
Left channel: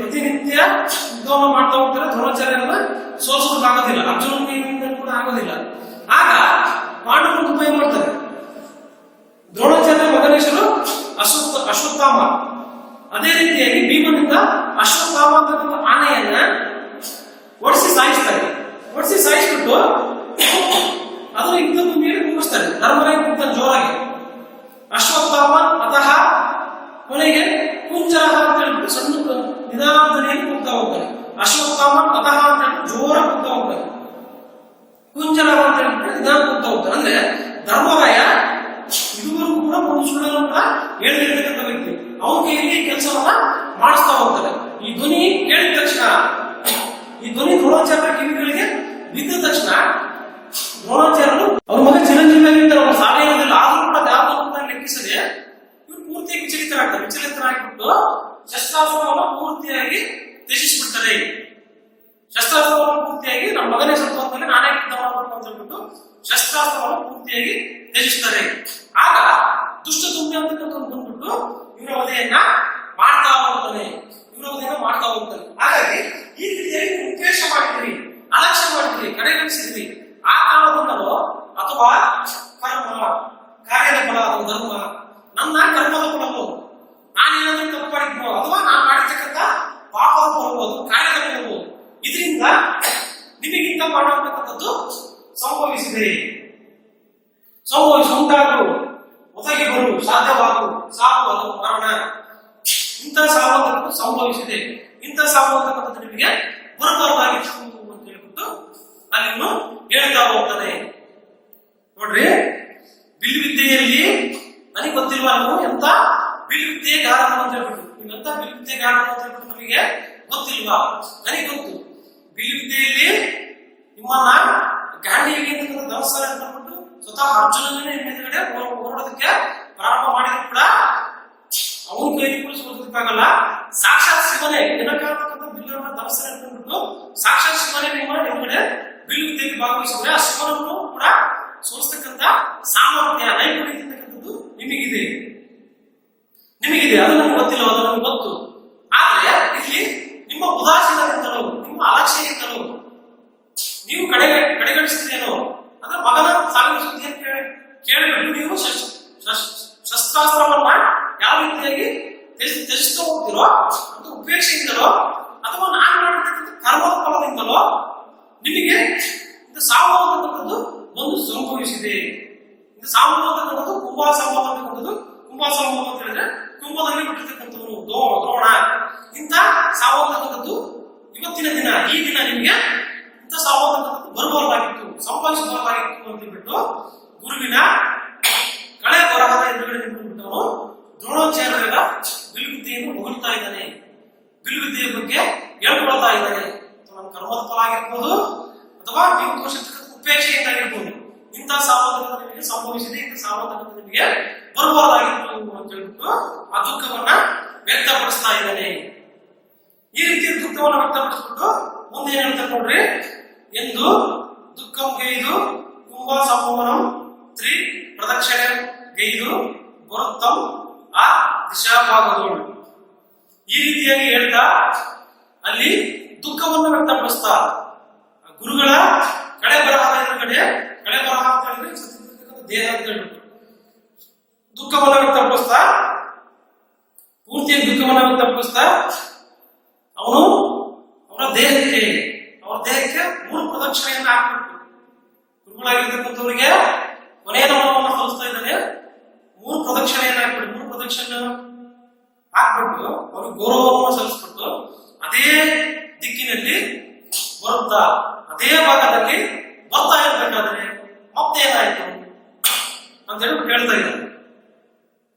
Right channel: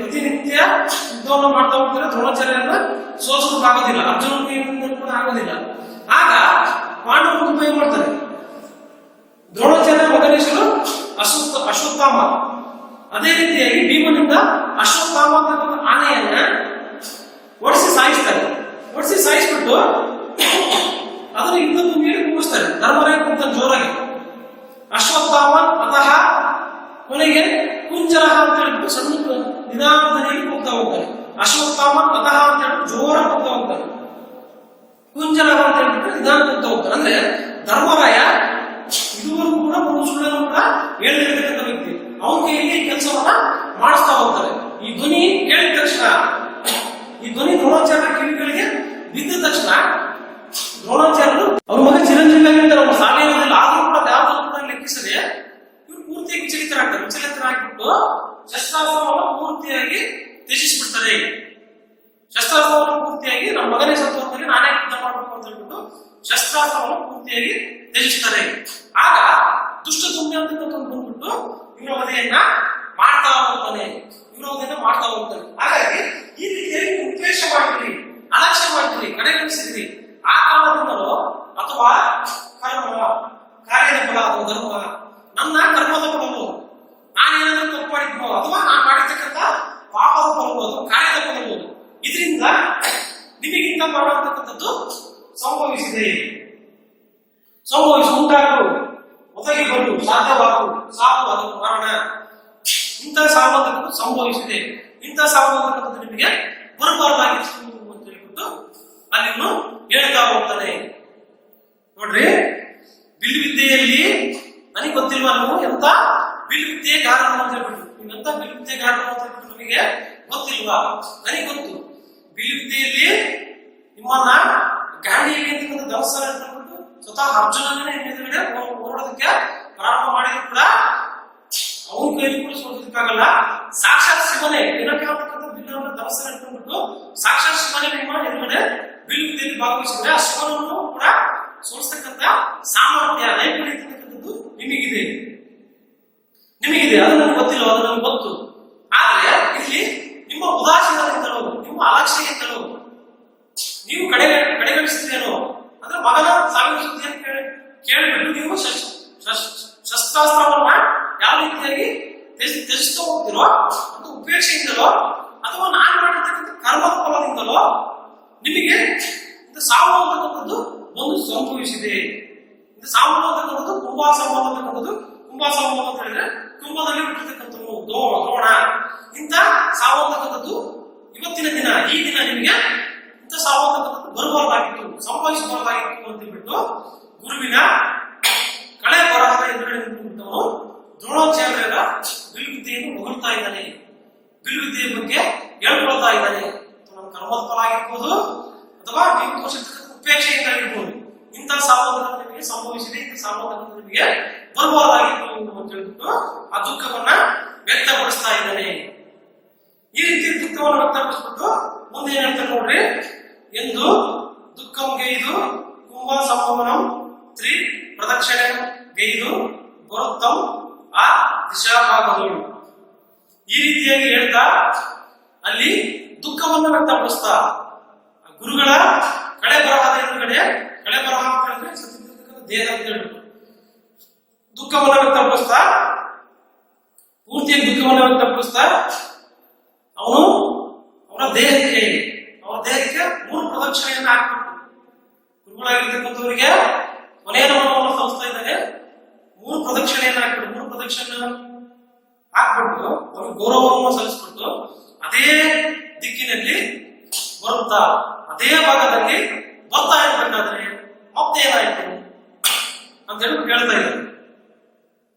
ಪ್ರತಿನಿತ್ಯ ಯುದ್ಧವನ್ನು ಮಾಡ್ತಾ ಹೋಗ್ತಾರೆ. ದ್ರೋಣಾಚಾರ್ಯರನ್ನ ಸೋಲಿಸೋದಕ್ಕಾಗೋದಿಲ್ಲ, ಅರ್ಜುನನಿಂದ ಕೂಡ ಆಗೋದಿಲ್ಲ. ಆಗ ಪಾಂಡವರು ಉಪಾಯ ಮಾಡ್ತಾರೆ. ದ್ರೋಣಾಚಾರ್ಯ ಮಗನ ಹೆಸರು ಅಶ್ವತ್ಥಾಮ. ಅದೇ ರೀತಿಯಾಗಿ ಭೀಮನಿಂದ ಅಶ್ವತ್ಥಾಮ ಅಂತಕ್ಕಂಥ ಆನೆಯನ್ನ ಓಡಿಸಿ ಸಾಯಿಸ್ಬಿಟ್ಟು ಅದನ್ನು ಯುದ್ಧ ಭೂಮಿಯಲ್ಲಿ ಕೂಗಿಸ್ತಾರೆ. ಧರ್ಮರಾಯ ಕೂಗ್ತಾನೆ ಜೋರಾಗಿ, ಅಶ್ವತ್ಥಾಮನ್ ಅತಃ. ಕೊನೆಗೆ ಕುಂಜರಹ ಅಂತ ಹೇಳ್ಬಿಟ್ಟು ಸಣ್ಣ ನಿಧಾನದಲ್ಲಿ ಕೂಗ್ತಾ ಹೋಗ್ತಾನೆ. ಅಶ್ವತ್ಥಾಮನ್ ಅತಃ ಅಂತ ಹೇಳ್ಬಿಟ್ಟು ಜೋರ ಕೂಗ್ತಾ ಹೋಗ್ತಾನೆ. ಕುಂಜರಹ ಅಂತ ಹೇಳ್ಬಿಟ್ಟು ನಿಧಾನ ಕೂಗ್ತಾ ಹೋಗ್ತಾನೆ. ಅಂದ್ರೆ ಧರ್ಮರಾಯ ಇದುವರೆಗೂ ಕೂಡ ಒಂದು ಸುಳ್ಳನ್ನು ಕೂಡ ಹೇಳಿರ್ತಕ್ಕಂಥ ವ್ಯಕ್ತಿ. ಅವನ ಕೈಯಲ್ಲಿ ಕೆಲಸವನ್ನ ಮಾಡಿಸ್ತಾ ಹೋಗ್ತಾರೆ. ಈ ಧ್ವನಿ ಕೇಳಿದ ತಕ್ಷಣ, ಈ ಧ್ವನಿ ದ್ರೋಣಾಚಾರ್ಯ ಕಿವಿಗಳಿಗೆ ಬಿದ್ದ ತಕ್ಷಣ ದ್ರೋಣಾಚಾರ್ಯರು ಅವ್ರ ಮಗ ಚಿರಂಜೀವಿ ಆಗಿರ್ತಾರೆ. ಅವ್ರು ಸಾವೇನೋದಿಲ್ಲ, ಆದ್ರೂ ಕೂಡ ಯಾವ್ದನ್ನು ಕೂಡ ಲೆಕ್ಕಿಸದೆ ಇವ್ರು ಪೂರ್ತಿಯಾಗಿ ವಿಚಲಿತರಾಗ್ಬಿಟ್ಟು ಶಸ್ತ್ರಾಸ್ತ್ರವನ್ನು ಪೂರ್ತಿಯಾಗಿ ತ್ಯಜಿಸ್ಬಿಡ್ತಾರೆ. ಶಸ್ತ್ರಾಸ್ತ್ರವನ್ನು ಪೂರ್ತಿಯಾಗಿ ನಮ್ಮ ಮಗನೇ ಸತ್ವದಲ್ಲಿ ನಾನೇ ಯುದ್ಧ ಮಾಡಬೇಕು ಅಂತ ಹೇಳ್ಬಿಟ್ಟು ಶಸ್ತ್ರಾಸ್ತ್ರವನ್ನು ಪೂರ್ತಿಯಾಗಿ ತ್ಯಜಿಸ್ತಾರೆ. ಆಗ ದುಷ್ಟ ದುಮ್ಯ ಅಂತಕ್ಕಂಥ ಬಂದ್ಬಿಟ್ಟು ಇವರ ವಧೆಯನ್ನ ಮಾಡ್ತಾ ಹೋಗ್ತಾನೆ. ಹಾಗಾಗಿ ಈ ರೀತಿಯಾಗಿ ಉಪೇಕ್ಷ ಮಾಡಿದ್ರಿ, ಅಲಕ್ಷ್ಯ ಮಾಡಿದ್ರಿ, ಕಡೆಗಣಿಸಿದ್ರಿ. ಆ ಕಾಲದಿಂದಲೋ ಅಥವಾ ಕರ್ಮ ಕಾರ್ಯದ ಫಲ ಅಥವಾ ಧರ್ಮ, ನನ್ನ ಕರ್ಮದ ಫಲವು, ನಾನೇನಾದ್ರೂ ತಪ್ಪು ಮಾಡಿದ್ನೋ ಅಥವಾ ನಾನು ಮಾಡಿರ್ತಕ್ಕಂಥ ಪಾಪದ ಫಲವು, ಅದು ಕಾರ್ಯದ ಫಲವು, ಇದರಿಂದ ನಿಮಗಿಂತ ಮಾಡುವಂತಕ್ಕಂಥದ್ದು ಸಂಭವಿಸಿದೆ. ಉಂಟಾಗು, ಒದಗಿ ಬರು, ಸಾಧ್ಯವಾಗು, ಸಾವು, ಅದು ಮರಣ. ಇಂಥ ಸಾವು ಅಂತಕ್ಕಂಥದ್ದು ಸಂಭವಿಸಿದೆ. ಇಂಥ ಸಾವು ಅಂತಕ್ಕಂಥದ್ದು ನಿಮಗೆ ಬರಬಾರ್ದಾಗಿತ್ತು ಅಂತ ಹೇಳ್ಬಿಟ್ಟು ಅಲ್ಲಿನ್ನು ಹೇಳ್ತಾ ಹೋಗ್ತಾನೆ. ನೋಡ್ರಿ, ಬಿಲ್ವಿದ್ಯೆಯಲ್ಲಿ ನನಗೆ ಗೊತ್ತಿಲ್ವಾ, ನಾವು ಎಂತ ಬಿಲ್ವಿದ್ಯೆಗಾರನು ಅಂತ ಹೇಳ್ಬಿಟ್ಟು, ನೀವೆಂತ ಬಿಲ್ವಿದ್ಯೆಗಾರನು ಅಂತ ಹೇಳ್ಬಿಟ್ಟು ನಮಗೆ ಗೊತ್ತಿಲ್ವಾ? ನನಗೆ ಗೊತ್ತು. ಬಿಲ್ವಿದ್ಯೆಯಲ್ಲಿ ನಿಮ್ಮನ್ನ ಗಾಂಧೀವಿ ಅಂತಕ್ಕಂಥ ದವಸ ಹೇಳ್ಬಿಟ್ಟು ಸ್ವತಃ ಅರ್ಜುನನೇ ಎದುರುಗಡೆ ಹೋರಾಡೋದಕ್ಕೆ ಪ್ರಾರಂಭ ಮಾಡಿದ್ರು ಕೂಡ ಅವನ ಕೈಲಿ ಕೂಡ ಸೋಲಿಸಕ್ಕಾಗಲ್ಲ. ಸಾಕ್ಷಾತ್ ಶಿವನೇ ಏನಕ್ಕಾಗತಕ್ಕಂಥ ಬಿಲ್ಲನ್ನು ದವಸ ಹೇಳ್ಕೊಂಡ್ಬಿಟ್ಟು ಸಾಕ್ಷಾತ್ ಶಿವನೇ ನಿಮ್ಮ ಎದುರುಗಡೆ ಬಿಲ್ವಿದ್ಯೆಯಲ್ಲಿ ಭಾಗವಹಿಸಿದ್ರೆ ಆ ಶಿವನನ್ನು ಕೂಡ ಸೋಲಿಸ್ತಕ್ಕಂಥ ಸಾಮರ್ಥ್ಯ, ನೈಪುಣ್ಯ ಅಂತಕ್ಕಂಥದ್ದು ನಿಮಗಿದೆ. ಅದು ನನಗೆ ಗೊತ್ತಿಲ್ಲ, ಅದು ನನಗೆ ಗೊತ್ತು. ಆದ್ರೆ ಇಲ್ಲಿ ನಿಮ್ಮ ಉದಾಸೀನದಿಂದಲೋ, ನಿಮ್ಮ ಅಲಕ್ಷ್ಯದಿಂದಲೋ ನೀವು ಕಡೆಗಣಿಸಿದ್ರೇನೋ, ಅಂದ್ರೆ ಮಗನ ಸಾವಿನ ಸುದ್ದಿಯನ್ನು ಕೇಳಿಬಿಟ್ಟು ನೀವು ಶಸ್ತ್ರಾಸ್ತ್ರವನ್ನ ಯಾವ ರೀತಿಯಾಗಿ ತ್ಯಜಿಸ್ತಾ ಹೋಗ್ತಿರೋ ಅಂತ ಉಪೇಕ್ಷೆಯಿಂದಲೋ ಅಥವಾ ನಾನು ಮಾಡಿರ್ತಕ್ಕಂಥ ಕರ್ಮದ ಫಲದಿಂದಲೋ ನಿಮಗೆ ಇದು ಸಾವು ಅಂತಕ್ಕಂಥದ್ದು ಒಂದು ಸಂಭವಿಸಿದೆ. ಇದು ಸಾವು ಅಂತಕ್ಕಂಥದ್ದು ಕುಂಭಾಸಂಭವ ಅಂತಕ್ಕಂಥದ್ದು. ಕುಂಭಾಸಂಭವ ಅಂತ ಹೇಳಿದ್ರೆ ಕುಂಭದಲ್ಲಿ ಬಿಟ್ಟಿರ್ತಕ್ಕಂಥವ್ರು ದ್ರೋಣ. ಇಂಥ ಸಾವು ಅಂತಕ್ಕಂಥದ್ದು ಇವತ್ತಿನ ದಿನ ಈ ದಿನ ನಿಮಗೆ ಇಂಥ ಸಾವು ಅಂತಕ್ಕಂಥದ್ದು ಬರಬಾರ್ದಾಗಿತ್ತು, ಸಂಭವಿಸಬಾರ್ದಾಗಿತ್ತು ಅಂತ ಬಿಟ್ಟು ಗುರುವಿನ ಕಳೆ ಬರಹದ ಎದುರುಗಡೆ ನಿಂತುಬಿಟ್ಟವನು ದ್ರೋಣಾಚಾರ್ಯರ ಬಿಲ್ವಿದ್ಯೆಯನ್ನು ಹೊಗಳ್ತಾ ಇದ್ದಾನೆ, ಬಿಲ್ವಿದ್ಯೆಯ ಬಗ್ಗೆ ಹೇಳ್ಕೊಳ್ತಾ ಇದ್ದಾನೆ. ನನ್ನ ಕರ್ಮದ ಫಲ ಆಗಿರ್ಬೋದು ಅಥವಾ ನೀವು ತೋರಿಸಿರ್ತಕ್ಕಂಥ ಉಪೇಕ್ಷೆಯಿಂದ ಆಗಿರ್ಬೋದು, ಇಂಥ ಸಾವಧಾನ ನಿಮಗೆ ಸಂಭವಿಸಿದೆ, ಇಂಥ ಸಾವಧಾನ ನಿಮಗೆ ಬರಬಾರ್ದಾಗಿತ್ತು ಅಂತ ಹೇಳ್ಬಿಟ್ಟು ಆ ದುಃಖವನ್ನ ವ್ಯಕ್ತಪಡಿಸ್ತಾ ಇದ್ದಾನೆ. ಈ ರೀತಿ ದುಃಖವನ್ನು ವ್ಯಕ್ತಪಡಿಸ್ಬಿಟ್ಟು ಮುಂದೆ ಏನ್ ಹೇಳ್ತಾರೆ ನೋಡ್ರಿ, ಎಂದು ದುಃಖಂ ಗೈದು ಕುಂಭ ಸಂಭವನಂ ತ್ರಿ ಪ್ರದಕ್ಷಿಣೆ ಗೈದು ಬರುತ್ತಂ ಆ ದಿಶಾಭಾಗದೋಳು. ಈ ರೀತಿಯಾಗಿ ಹೇಳ್ತಾ ಅಲ್ಲಿ ದುಃಖವನ್ನು ವ್ಯಕ್ತಪಡಿಸ್ತಾ ಗುರುಗಳ ಕಳೆ ಬರಹದ ಎದುರುಗಡೆ, ಕಳೆ ಬರಹ ಅಂತ ಹೇಳಿದ್ರೆ ದೇಹ ಅಂತ ಹೇಳ್ಬಿಟ್ಟು ದುಃಖವನ್ನು ವ್ಯಕ್ತಪಡಿಸ್ತಾ, ಪೂರ್ತಿಯಾಗಿ ದುಃಖವನ್ನು ವ್ಯಕ್ತಪಡಿಸ್ತಾ ಅವನು ಅವರ ದೇಹಕ್ಕೆ 3 ಪ್ರದಕ್ಷಿಣೆಯನ್ನು ಹಾಕ್ಬಿಟ್ಟು ಗುರುಗಳಾಗಿರ್ತಕ್ಕಂಥವರಿಗೆ ಕೊನೆಯ ನಮನವನ್ನು ಸಲ್ಲಿಸ್ತಾ ಇದ್ದಾನೆ. 3 ಪ್ರದಕ್ಷಿಣೆಯನ್ನು ಹಾಕ್ಬಿಟ್ಟು 3 ಪ್ರದಕ್ಷಿಣೆ ಹಾಕ್ಬಿಟ್ಟು ಅವನಿಗೆ ಗೌರವವನ್ನು ಸಲ್ಲಿಸ್ಬಿಟ್ಟು ಅದೇ ದಿಕ್ಕಿನಲ್ಲಿ ಬರುತ್ತಾ ಅದೇ ಭಾಗದಲ್ಲಿ ಬರ್ತಾ ಇರ್ಬೇಕಾದ್ರೆ ಮತ್ತೇನಾಯ್ತು ಅಂತ ಹೇಳ್ಬಿಟ್ಟು ಹೇಳ್ತಾ ಇದ್ದಾರೆ.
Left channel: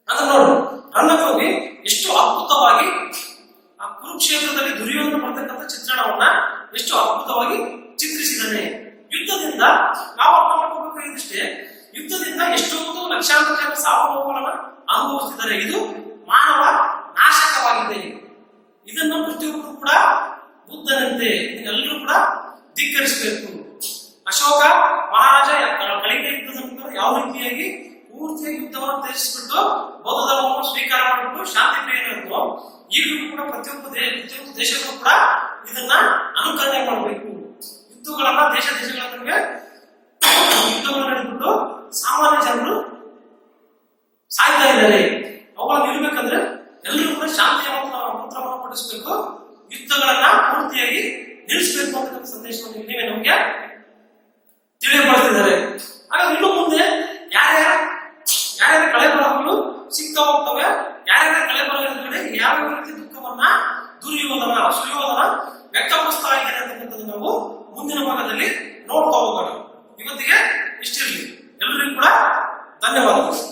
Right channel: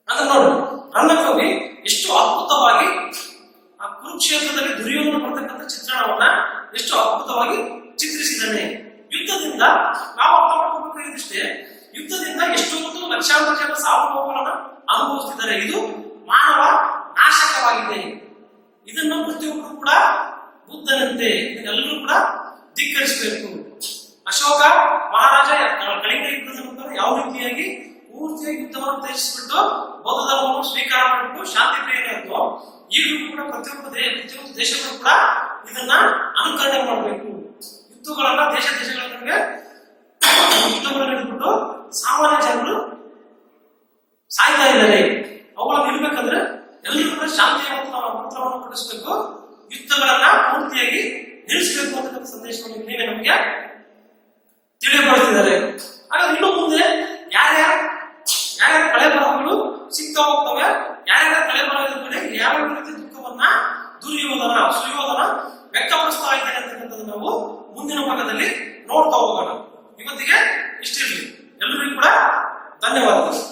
ಅದನ್ನ ನೋಡಿ ರಂಗಕವಿ ಎಷ್ಟು ಅದ್ಭುತವಾಗಿ ಆ ಕುರುಕ್ಷೇತ್ರದಲ್ಲಿ ದುರ್ಯೋಧನ ಬರ್ತಕ್ಕಂಥ ಚಿತ್ರಣವನ್ನ ಎಷ್ಟು ಅದ್ಭುತವಾಗಿ ಚಿತ್ರಿಸಿದ್ದಾನೆ. ಯುದ್ಧದಿಂದ ನಾವು ಅರ್ಥ ಮಾಡ್ಕೋಬೇಕಾಗಿದ್ದಷ್ಟೇ, ಯುದ್ಧದಿಂದ ಎಷ್ಟೊಂದು ಲಕ್ಷಾಂತರ ಜನ ಸಾವು ನೋವುಗಳನ್ನ ಅನುಭವಿಸ್ತಿದ್ದಾರೆ. ಇದು ಮಾನವ ನಾಶಕವಾಗಿದೆ. ಇದನ್ನು ಪ್ರತಿಯೊಬ್ಬರು ಕೂಡ ಬುದ್ಧನಂತೆ ಇದನ್ನೆಲ್ಲರೂ ಕೂಡ ಧಿಕ್ಕರಿಸಬೇಕು. ಅಶೋಕ ಮಹಾರಾಜ ಕಳಿಂಗ ಯುದ್ಧದ ನಂತರ ಯಾವ ರೀತಿಯಾಗಿ ಪೂರ್ತಿಯಾಗಿ ಯುದ್ಧವನ್ನು ತ್ಯಜಿಸಿಬಿಟ್ಟು ಬೌದ್ಧ ಧರ್ಮವನ್ನು ಸ್ವೀಕಾರ ಮಾಡಿಬಿಟ್ಟು ಶಾಂತಿ ಪ್ರಿಯನಾಯಿತು, ಈಗಲೂ ಕೂಡ ಪ್ರತಿಯೊಂದು ದೇಶಗಳು ಕೂಡ ಇದನ್ನ ಅನುಕರಣೆ ಮಾಡಬೇಕು. ಯುದ್ಧಗಳನ್ನ ದೇಶಗಳ ನಡುವೆ ಯುದ್ಧಗಳನ್ನು ನಡೆದ್ಬಿಟ್ಟು ಸಾಮಾನ್ಯ ಜನರು ಸಾಯ್ತಾ ಇದ್ದಾರೆ. ಅವುಗಳನ್ನು ನಿಲ್ಬೇಕಂದ್ರೆ ಎಲ್ಲರೂ ಕೂಡ ಶಾಂತಿಯ ಮಂತ್ರವನ್ನು ಪಠಿಸಬೇಕು, ಯುದ್ಧಗಳನ್ನ ಪೂರ್ತಿಯಾಗಿ ನಿಲ್ಲಿಸಬೇಕು ಅಂತ ಸಂದೇಶವನ್ನು ನೀವೇ ನಮಗೆ ತಿಳಿಯಪಡಿಸಿದ್ದಾರೆ. ಹಾಗಾದ್ರೆ ಇನ್ನು ಮುಂದೆ ಯಾರ್ಯಾರ ಕಳೆ ಬರಹಗಳು ಸಿಗ್ತಾ ಹೋಗ್ತವೆ, ಯಾರ್ಯಾರ ಕಳೆ ಬರಹದ ಕಡೆ ಯಾವ ರೀತಿ ದುಃಖವನ್ನ ಸುಯೋಧನ ವ್ಯಕ್ತಪಡಿಸ್ತಾ ಇದ್ದಾರೆ ಅಂತಕ್ಕಂಥದ್ದು ನಾವು ಮುಂದಿನ ಭಾಗದಲ್ಲಿ ನೋಡ್ತಾ ಹೋಗೋಣ. ಇವತ್ತಿಗೆ ಇಷ್ಟಿರಲಿ. ಎಲ್ಲರಿಗೂ ಕೂಡ ಧನ್ಯವಾದಗಳು.